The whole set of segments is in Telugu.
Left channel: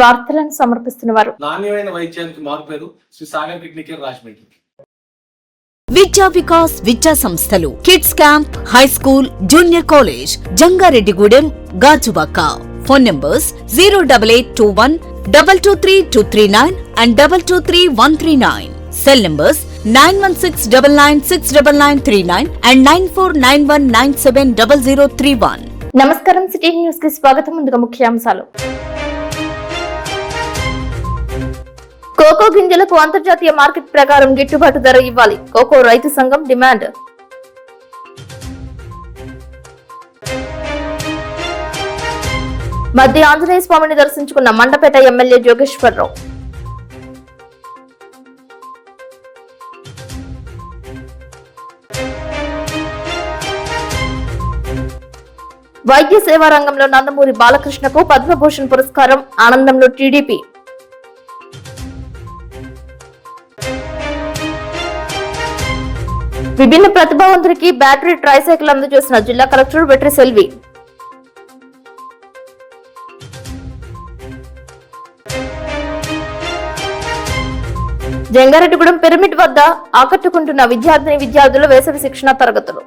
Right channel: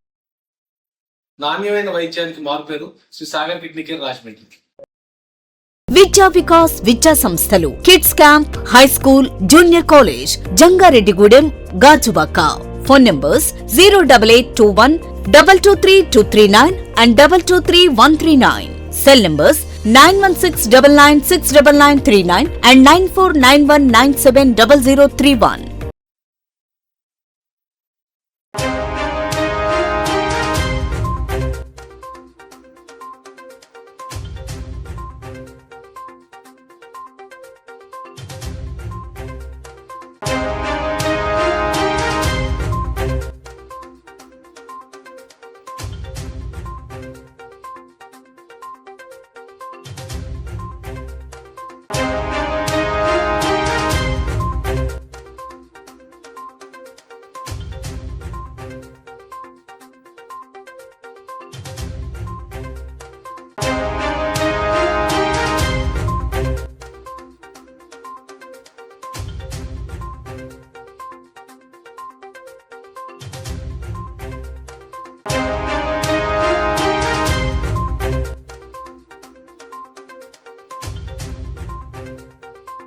వార్తలను సమర్పిస్తున్నవారు నాణ్యమైన వైద్యానికి మారుపేరు శ్రీ సాగర్ కిడ్నీ కేర్ రాజమండ్రి. విద్యా వికాస్ విద్యా సంస్థలు kids camp, high school, junior college, Jangareddygudem, Gajuwaka. Phone numbers 08821 223239 and 223139. Cell numbers 9169969939 and 9491970031. నమస్కారం, సిటీ న్యూస్ కి స్వాగతం. ముందుగా ముఖ్యాంశాలు. కోకో గింజలకు అంతర్జాతీయ మార్కెట్ ప్రకారం గిట్టుబాటు ధర ఇవ్వాలి, కోకో రైతు సంఘం డిమాండ్. మధ్య ఆంజనేయ స్వామిని దర్శించుకున్న మండపేట ఎమ్మెల్యే జోగేశ్వరరావు. వైద్య సేవా రంగంలో నందమూరి బాలకృష్ణకు పద్మభూషణ్ పురస్కారం, ఆనందంలో టీడీపీ. విభిన్న ప్రతిభావంతుడికి బ్యాటరీ ట్రైసైకిల్ అందజేసిన జిల్లా కలెక్టర్ వెట్రి సెల్వి. జంగారెడ్డిగూడెం పిరమిడ్ వద్ద ఆకట్టుకుంటున్న విద్యార్థుల వేసవి శిక్షణ తరగతులు.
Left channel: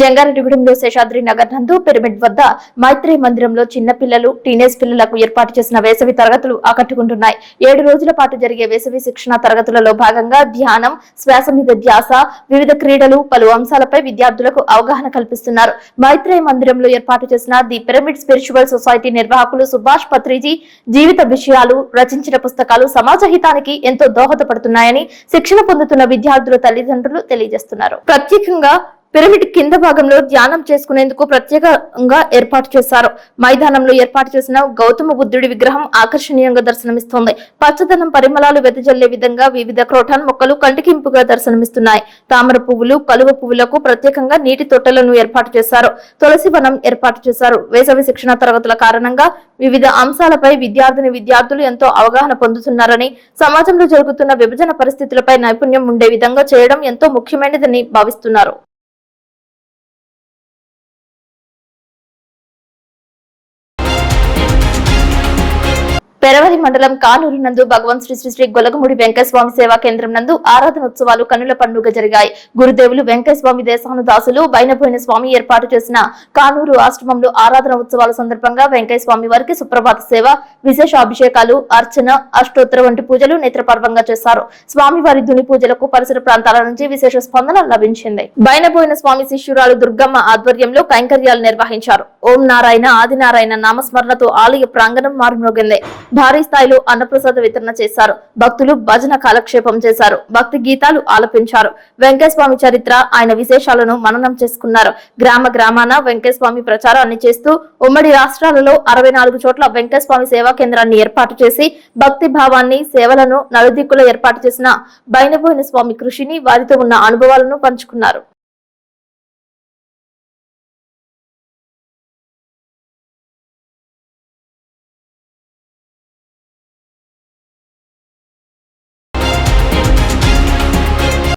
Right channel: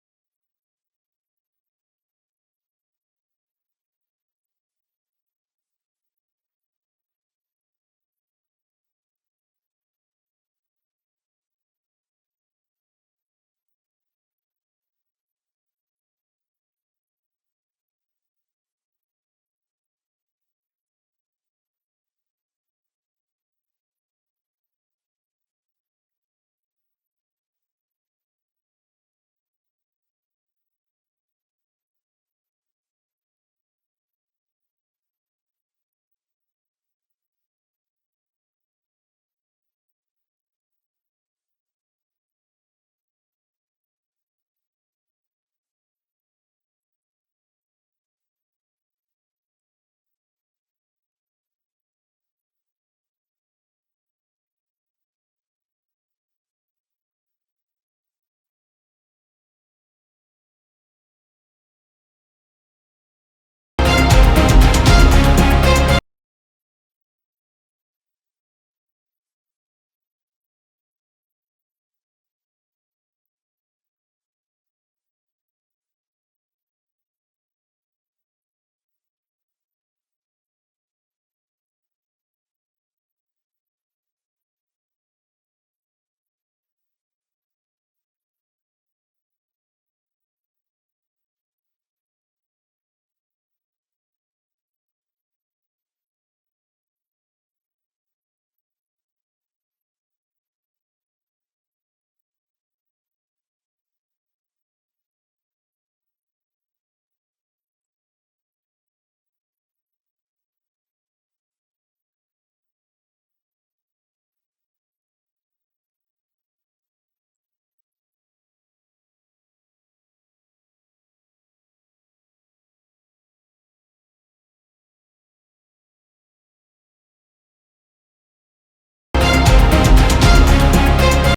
జంగారెడ్డిగూడెంలో శేషాద్రి నగర్ నందు పిరమిడ్ వద్ద మైత్రి మందిరంలో చిన్న పిల్లలు, టీనేజ్ పిల్లలకు ఏర్పాటు చేసిన వేసవి తరగతులు ఆకట్టుకుంటున్నాయి. 7 రోజుల పాటు జరిగే వేసవి శిక్షణ తరగతులలో భాగంగా ధ్యానం, శ్వాస మీద ధ్యాస, వివిధ క్రీడలు, పలు అంశాలపై విద్యార్థులకు అవగాహన కల్పిస్తున్నారు. మైత్రి మందిరంలో ఏర్పాటు చేసిన ది పిరమిడ్ స్పిరిచువల్ సొసైటీ నిర్వాహకులు సుభాష్ పత్రిజీ జీవిత విషయాలు రచించిన పుస్తకాలు సమాజ హితానికి ఎంతో దోహదపడుతున్నాయని శిక్షణ పొందుతున్న విద్యార్థుల తల్లిదండ్రులు తెలియజేస్తున్నారు. ప్రత్యేకంగా పిరమిడ్ కింద భాగంలో ధ్యానం చేసుకునేందుకు ప్రత్యేకంగా ఏర్పాటు చేశారు. మైదానంలో ఏర్పాటు చేసిన గౌతమ బుద్ధుడి విగ్రహం ఆకర్షణీయంగా దర్శనమిస్తోంది. పచ్చదనం పరిమళాలు వెదజల్లే విధంగా వివిధ క్రోటాన్ మొక్కలు కంటికింపుగా దర్శనమిస్తున్నాయి. తామర పువ్వులు, కలువ పువ్వులకు ప్రత్యేకంగా నీటి తొట్టెలను ఏర్పాటు చేశారు. తులసి వనం ఏర్పాటు చేశారు. వేసవి శిక్షణ తరగతుల కారణంగా వివిధ అంశాలపై విద్యార్థులు ఎంతో అవగాహన పొందుతున్నారని, సమాజంలో జరుగుతున్న విభజన పరిస్థితులపై నైపుణ్యం ఉండే విధంగా చేయడం ఎంతో ముఖ్యమైనదని భావిస్తున్నారు. పెరవలి మండలం కానూరు నందు భగవాన్ శ్రీ శ్రీ శ్రీ గొలగముడి వెంకటస్వామి సేవా కేంద్రం నందు ఆరాధనోత్సవాలు కన్నుల పండుగ జరిగాయి. గురుదేవులు వెంకటస్వామి దేశానుదాసులు బైనపోయిన స్వామి ఏర్పాటు చేసిన కానూరు ఆశ్రమంలో ఆరాధన ఉత్సవాల సందర్భంగా వెంకటస్వామి వారికి సుప్రభాత సేవ, విశేష అభిషేకాలు, అర్చన, అష్టోత్తర వంటి పూజలు నేత్రపర్వంగా చేశారు. స్వామివారి దుని పూజలకు పరిసర ప్రాంతాల నుంచి విశేష స్పందన లభించింది. బైనపోయిన స్వామి శిష్యురాలు దుర్గమ్మ ఆధ్వర్యంలో కైంకర్యాలు నిర్వహించారు. ఓం నారాయణ ఆదినారాయణ నామస్మరణతో ఆలయ ప్రాంగణం మారుమోగింది. భారీ స్థాయిలో అన్నప్రసాద వితరణ చేశారు. భక్తులు భజన కాలక్షేపం చేశారు. భక్తి గీతాలు ఆలపించారు. వెంకటస్వామి చరిత్ర, ఆయన విశేషాలను మననం చేసుకున్నారు. గ్రామాన వెంకటస్వామి ప్రచారాన్ని చేస్తూ ఉమ్మడి రాష్ట్రాలలో 64 చోట్ల వెంకటస్వామి సేవా కేంద్రాన్ని ఏర్పాటు చేసి భక్తి భావాన్ని, సేవలను నలుదిక్కులో ఏర్పాటు చేసిన బైనబోయిన స్వామి కృషిని, వారితో ఉన్న అనుభవాలను పంచుకున్నారు.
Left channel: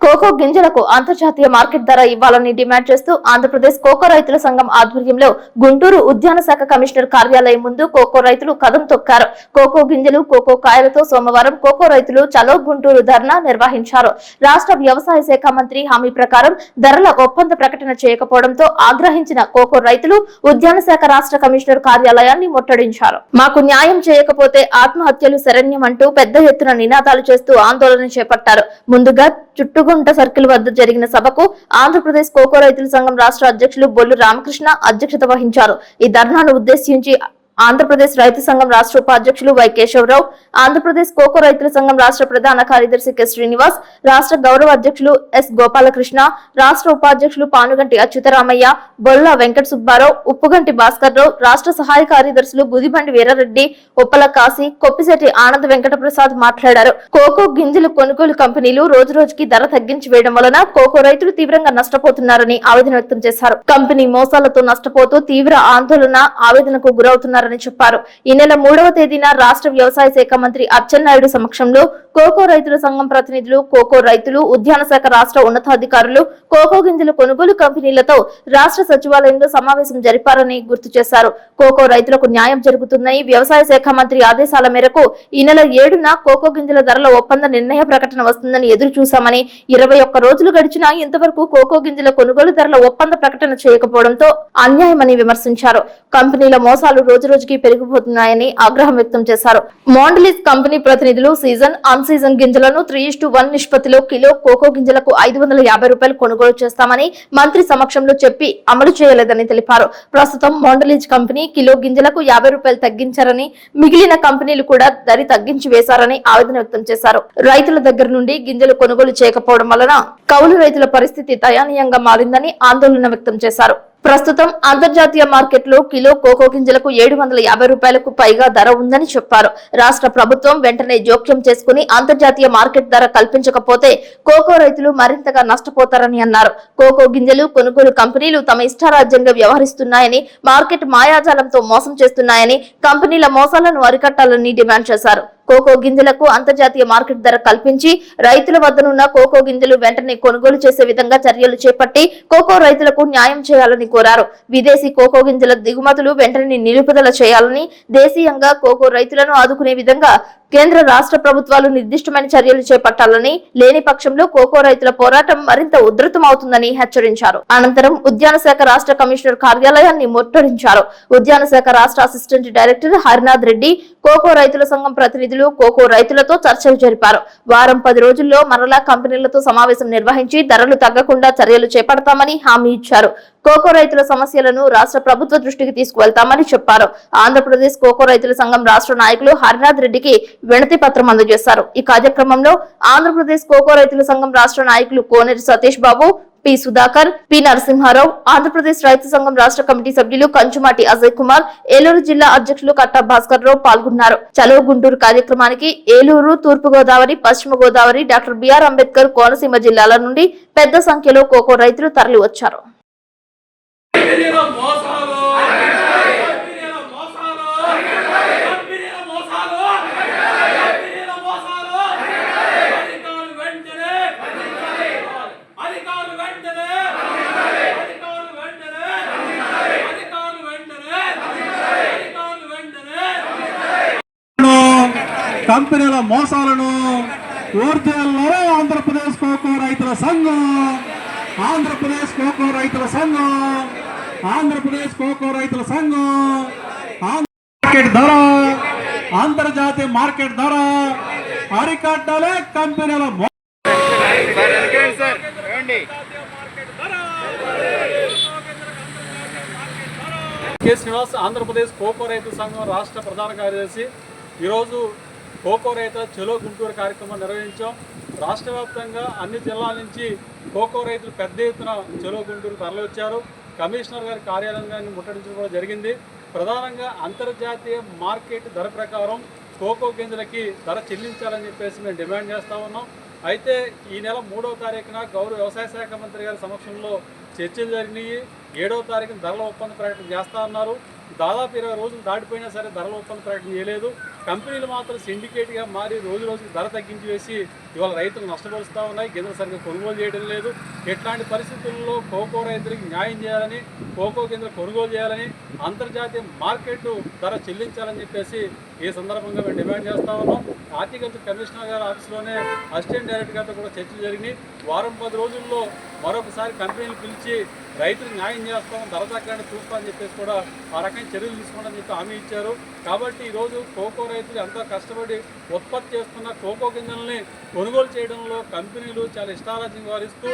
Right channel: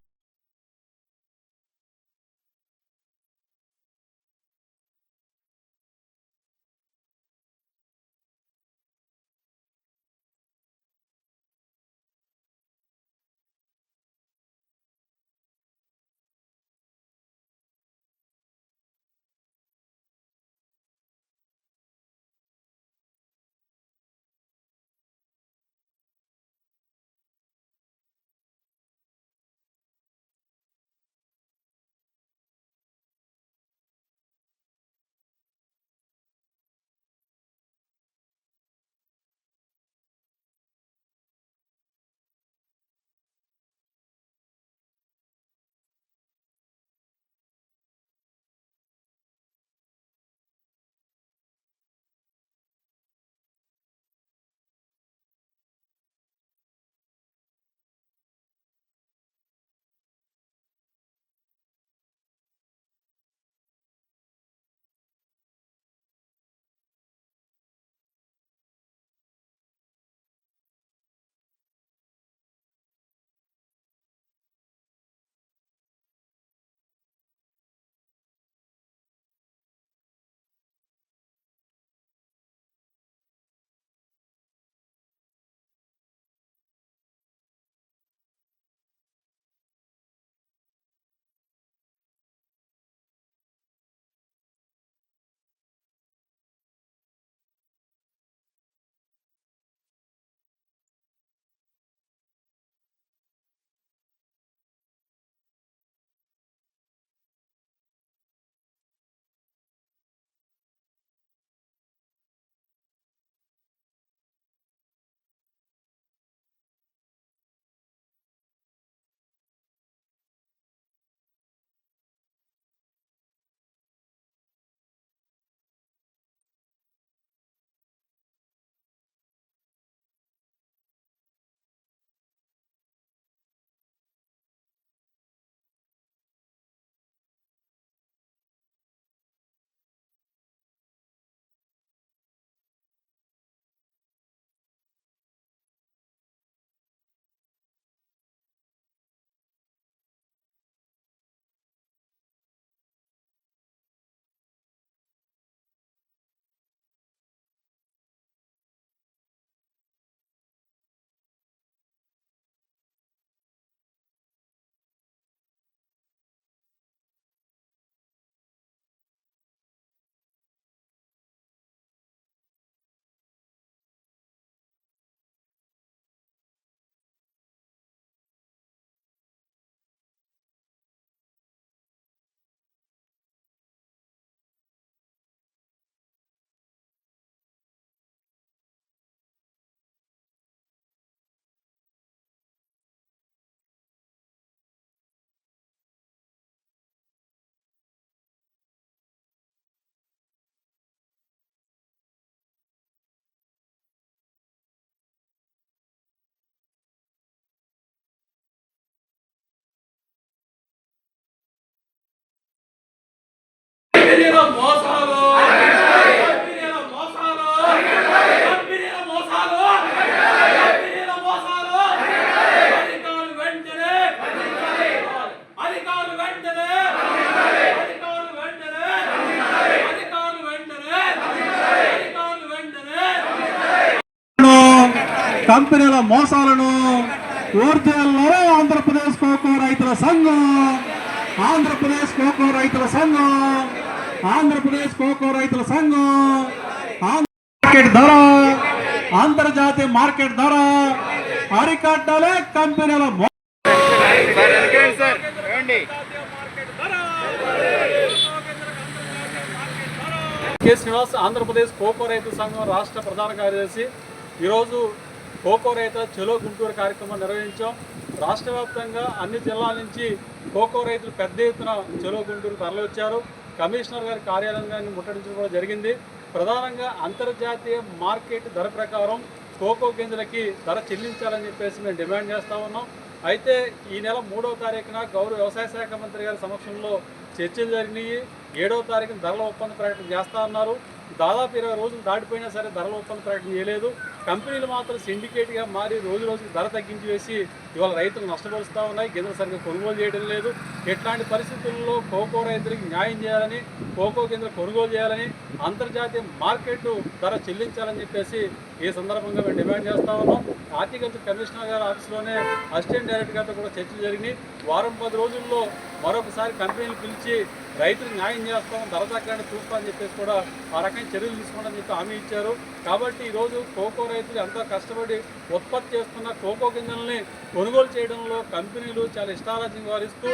కోకో గింజలకు అంతర్జాతీయ మార్కెట్ ధర ఇవ్వాలని డిమాండ్ చేస్తూ ఆంధ్రప్రదేశ్ కోకో రైతుల సంఘం ఆధ్వర్యంలో గుంటూరు ఉద్యాన శాఖ కమిషనర్ కార్యాలయం ముందు కోకో రైతులు కదం తొక్కారు. కోకో గింజలు, కోకో కాయలతో సోమవారం కోకో రైతులు చలో గుంటూరు ధర్నా నిర్వహించారు. రాష్ట్ర వ్యవసాయ శాఖ మంత్రి హామీ ప్రకారం ధరల ఒప్పంద ప్రకటన చేయకపోవడంతో ఆగ్రహించిన కోకో రైతులు ఉద్యాన శాఖ రాష్ట్ర కమిషనర్ కార్యాలయాన్ని ముట్టడించారు. మాకు న్యాయం చేయకపోతే ఆత్మహత్యలు శరణ్యమంటూ పెద్ద ఎత్తున నినాదాలు చేస్తూ ఆందోళన చేపట్టారు. ముందుగా చుట్టుగుంట సర్కిల్ వద్ద జరిగిన సభకు ఆంధ్రప్రదేశ్ కోకో రైతుల సంఘం రాష్ట్ర అధ్యక్షులు బొల్లు రామకృష్ణ అధ్యక్షత వహించారు. ఈ ధర్నాను ఉద్దేశించి ఆంధ్రప్రదేశ్ రైతు సంఘం రాష్ట్ర ఉపాధ్యక్షులు వై కేశవరావు, ఆంధ్రప్రదేశ్ కోకో రైతుల సంఘం రాష్ట్ర ప్రధాన కార్యదర్శి కె శ్రీనివాస్, రాష్ట్ర గౌరవ అధ్యక్షులు ఎస్ గోపాలకృష్ణ, రాష్ట్ర ఉపాధ్యక్షులు పానుగంటి అచ్యుతరామయ్య, బొల్ల వెంకట సుబ్బారావు, ఉప్పుగంటి భాస్కర్ రావు, రాష్ట్ర సహాయ కార్యదర్శులు బుదిబండి వీరారెడ్డి, ఉప్పల కాశీ, కొప్పిశెట్టి ఆనంద్ వెంకట ప్రసాద్ మాట్లాడారు. కోకో గింజలు కొనుగోలు కంపెనీలు రోజు రోజుకి ధర తగ్గించి వేయడం వలన కోకో రైతులు తీవ్రంగా నష్టపోతున్నారని ఆవేదన వ్యక్తం చేశారు. కంపెనీ మోసాలతో నష్టపోతూ తీవ్ర ఆందోళన, ఆవేదనకు గురవుతున్నారు ఉన్నారని చెప్పారు. ఈ నెల 3వ తేదీన రాష్ట్ర వ్యవసాయ శాఖ మంత్రి అచ్చెన్నాయుడు సమక్షంలో కోకో రైతుల సంఘం ప్రతినిధులు, కోకో రైతులు, ఉద్యాన శాఖ రాష్ట్ర ఉన్నతాధికారులు, కోకో గింజల కొనుగోలు కంపెనీలతో రాష్ట్ర సచివాలయంలో సమావేశం జరిపారని గుర్తు చేశారు. కోకో రైతులకు న్యాయం జరుగుతుందని వ్యవసాయ శాఖ మంత్రి ఆదేశాల మేరకు ఈ నెల 7న కోకో గింజల ధరల ఒప్పంద నిర్ణయ ప్రకటన వస్తుందని ఎదురు చూశామని, 21 రోజులు గడిచినా ఇంతవరకు కోకో గింజల కొనుగోలు ధరల ఒప్పంద ప్రకటన చేయకపోవడంతో అన్యాయమని విమర్శించారు. కంపెనీల మోసాలు రోజురోజుకి పెరిగిపోతున్నాయని ఆగ్రహం వ్యక్తం చేశారు. మాండలిస్ కంపెనీ ప్రతినిధులు సీజన్, అన్ సీజన్ గింజలను 3:1 నిష్పత్తిలో కిలో కోకో గింజలకు 550 రూపాయలు కొనుగోలు చేస్తామని మంత్రి సమక్షంలో చెప్పి అమలు చేయలేదని తెలిపారు. ప్రస్తుతం మాండలిజ్ కంపెనీ కిలో గింజలకు 50 రూపాయలు తగ్గించారని, మిగిలిన కంపెనీలు కూడా ధర తగ్గించి వేశారని ఆవేదన వ్యక్తం చేశారు. రైతుల దగ్గర నుండి గింజలు కొనుగోలు చేయకపోవడం వలన కౌలు రైతుల పరిస్థితి దయనీయంగా మారిందని ఆందోళన వ్యక్తం చేశారు. ప్రస్తుతం అంతర్జాతీయ మార్కెట్లో కిలో కోకో గింజలకు 750 రూపాయలకు పైగా ధర ఉందని చెప్పారు. రాష్ట్ర ప్రభుత్వం వెంటనే జోక్యం చేసుకుని అంతర్జాతీయ మార్కెట్ ధర కల్పించకపోతే కోకో రైతులు మరింతగా నష్టపోతారని అన్నారు. కోకో గింజలు కొనుగోలు కంపెనీలు తమ ఇష్టారాజ్యంగా వ్యవహరిస్తున్నాయని, మార్కెట్ మాయాజాలంతో మోసం చేస్తున్నాయని, కంపెనీల మోసాలను అరికట్టాలని డిమాండ్ చేశారు. కోకో గింజలకు అంతర్జాతీయ మార్కెట్ ధర కల్పించి రైతుల వద్దనున్న కోకో గింజలు వెంటనే కొనుగోలు చేసే విధంగా చర్యలు చేపట్టి కోకో రైతులకు న్యాయం చేయాలని కోరారు. విదేశీ కోకో గింజల దిగుమతులు వెంటనే నిలుపుదల చేయాలని, దేశీయంగా కోకో రైతులను ఆదుకునే విధంగా కేంద్ర రాష్ట్ర ప్రభుత్వాలు నిర్దిష్టమైన చర్యలు చేపట్టాలని, లేని పక్షంలో కోకో రైతుల పోరాటం మరింత ఉధృతమవుతుందని హెచ్చరించారు. అనంతరం ఉద్యాన శాఖ రాష్ట్ర కమిషనర్ కార్యాలయాన్ని ముట్టడించారు. ఉద్యాన శాఖ రాష్ట్ర assistant director Harinath Reddy cocoa రైతుల సంఘం ప్రతినిధులు కోకో రైతులతో చర్చలు జరిపారు. వారం 10 రోజుల్లో మరలా కంపెనీలతో సమావేశం నిర్వహించి ధరలు తగ్గకుండా చర్యలు చేపడతామని హామీ ఇచ్చారు. కోకో రైతుల సమస్యలను రాష్ట్ర ప్రభుత్వ దృష్టికి తీసుకువెళ్తామని చెప్పారు. ఆంధ్రప్రదేశ్ కోకో రైతుల సంఘం రాష్ట్ర నాయకులు హరినాథ్ రెడ్డికి వినతి పత్రం అందజేశారు. ఈ కార్యక్రమంలో ఆంధ్రప్రదేశ్ కోకో రైతుల సంఘం రాష్ట్ర నాయకులు కోనేరు సతీష్ బాబు, పి సుధాకర్, పి నరసింహారావు, ఆంధ్రప్రదేశ్ రైతు సంఘం రాష్ట్ర కమిటీ సభ్యులు కంచుమాటి అజయ్ కుమార్, ఏలూరు జిల్లా అధ్యక్షులు కట్టా భాస్కర్ రావు పాల్గొన్నారు. చలో గుంటూరు కార్యక్రమానికి ఏలూరు, తూర్పు గోదావరి, పశ్చిమ గోదావరి, డాక్టర్ బిఆర్ అంబేద్కర్ కోనసీమ జిల్లాల నుండి పెద్ద సంఖ్యలో కోకో రైతులు తరలి వచ్చారు. కంపెనీల మోసాలను ఊర్జేయాలో ఆంధ్రప్రదేశ్ కోకో రైతుల సంఘం, ఆంధ్రప్రదేశ్ కోకో రైతుల సంఘం, ఆంధ్రప్రదేశ్ కోకో రైతుల సంఘం. మార్కెట్ ధర, అంతర్జాతీయ మార్కెట్ ధర అరికట్టాలే కంపెనీల కె. శ్రీనివాస్, ఆంధ్రప్రదేశ్ కోకో రైతు సంఘం రాష్ట్ర ప్రధాన కార్యదర్శి. ఈరోజు కోకో రైతుల చలో గుంటూరు కార్యక్రమం నిర్వహించాం. రాష్ట్ర వ్యాప్తంగా అన్ని జిల్లాల నుంచి కోకో రైతులు పెద్ద ఎత్తున చలో గుంటూరు తరలి వచ్చారు. కమిషనర్ గారి కార్యాలయాన్ని ముట్టడించడం కూడా జరిగింది. ప్రధానంగా అంతర్జాతీయ మార్కెట్ ధర ప్రకారం కోకో గింజలకి ధర చెల్లించాలని చెప్పేసి మేము డిమాండ్ చేస్తూ ఉన్నాం. అయితే ఈ నెల 3వ తారీఖున గౌరవ వ్యవసాయ శాఖ మంత్రి గారి సమక్షంలో చర్చలు జరిగినాయి. 7వ తారీఖున ధరల ఒప్పంద ప్రకటన చేస్తా అన్నారు. దాదాపు 20 రోజులు దాటిపోయినా సరే ధరల ఒప్పంద ప్రకటన చేయలేదు. కంపెనీలు మాత్రం సిండికేట్గా మారి రోజు రోజుకి ధర తగ్గించి వేసి ఇవాళ రైతులు నష్టపరుస్తూ ఉన్నాయి. గింజలు సరిగ్గా కొనుగోలు చేయడం లేదు. ఇట్లాంటి పరిస్థితుల్లో కోకో రైతులకు న్యాయం చేయాలని, కోకో గింజలు కొనుగోలు చేయాలని, అంతర్జాతీయ మార్కెట్ ధర చెల్లించాలని చెప్పేసి ఈ సందర్భంగా మేము డిమాండ్ చేస్తూ ఉన్నాం. హార్టికల్చర్ కమిషనర్ గారి ఆఫీస్లోనే అసిస్టెంట్ డైరెక్టర్ గారితో కూడా చర్చలు జరిగినాయి. వారం 10 రోజుల్లో మరొకసారి కంపెనీలు పిలిచి రైతులకు న్యాయం చేస్తాం, ధర తగ్గడానికి చూస్తామని చెప్పేసి కూడా ఆ రకమైన చర్యలు తీసుకోవడం చెప్పి హామీ ఇచ్చారు. కాబట్టి ఈరోజు కోకో రైతులు ఎంతో కష్టపడి ఉత్పత్తి చేస్తున్న కోకో గింజల్ని కొనుగోలు చేయడంలో కంపెనీలు చాలా ఇష్టారాజ్యం వ్యవహరిస్తూ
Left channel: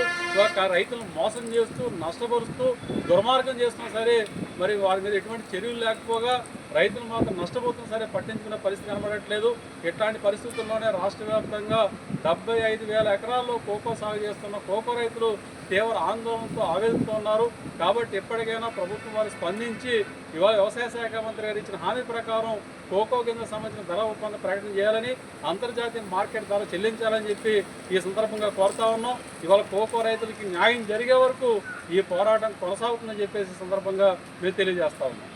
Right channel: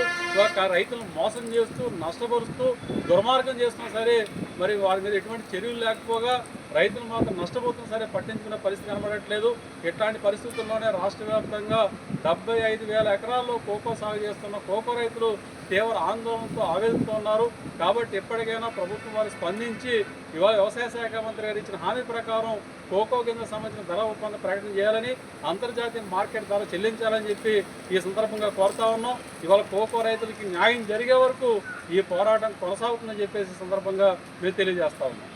రైతులను మోసం చేస్తూ, నష్టపరుస్తూ, దుర్మార్గం చేస్తున్నా సరే మరి వారి మీద ఎటువంటి చర్యలు లేకపోగా రైతులు మాత్రం నష్టపోతున్నా సరే పట్టించుకునే పరిస్థితి కనబడట్లేదు. ఇట్లాంటి పరిస్థితుల్లోనే రాష్ట్ర వ్యాప్తంగా 75,000 ఎకరాల్లో కోకో సాగు చేస్తున్న కోకో రైతులు తీవ్ర ఆందోళనతో ఆవేదనతో ఉన్నారు. కాబట్టి ఎప్పటికైనా ప్రభుత్వం వారు స్పందించి ఇవాళ వ్యవసాయ శాఖ మంత్రి గారు ఇచ్చిన హామీ ప్రకారం కోకో గింజలకు సంబంధించిన ధర ఒప్పంద ప్రకటన చేయాలని, అంతర్జాతీయ మార్కెట్ ధర చెల్లించాలని చెప్పి ఈ సందర్భంగా కోరుతా ఉన్నాం. ఇవాళ కోకో రైతులకి న్యాయం జరిగే వరకు ఈ పోరాటం కొనసాగుతుందని చెప్పేసి సందర్భంగా మేము తెలియజేస్తా ఉన్నాం.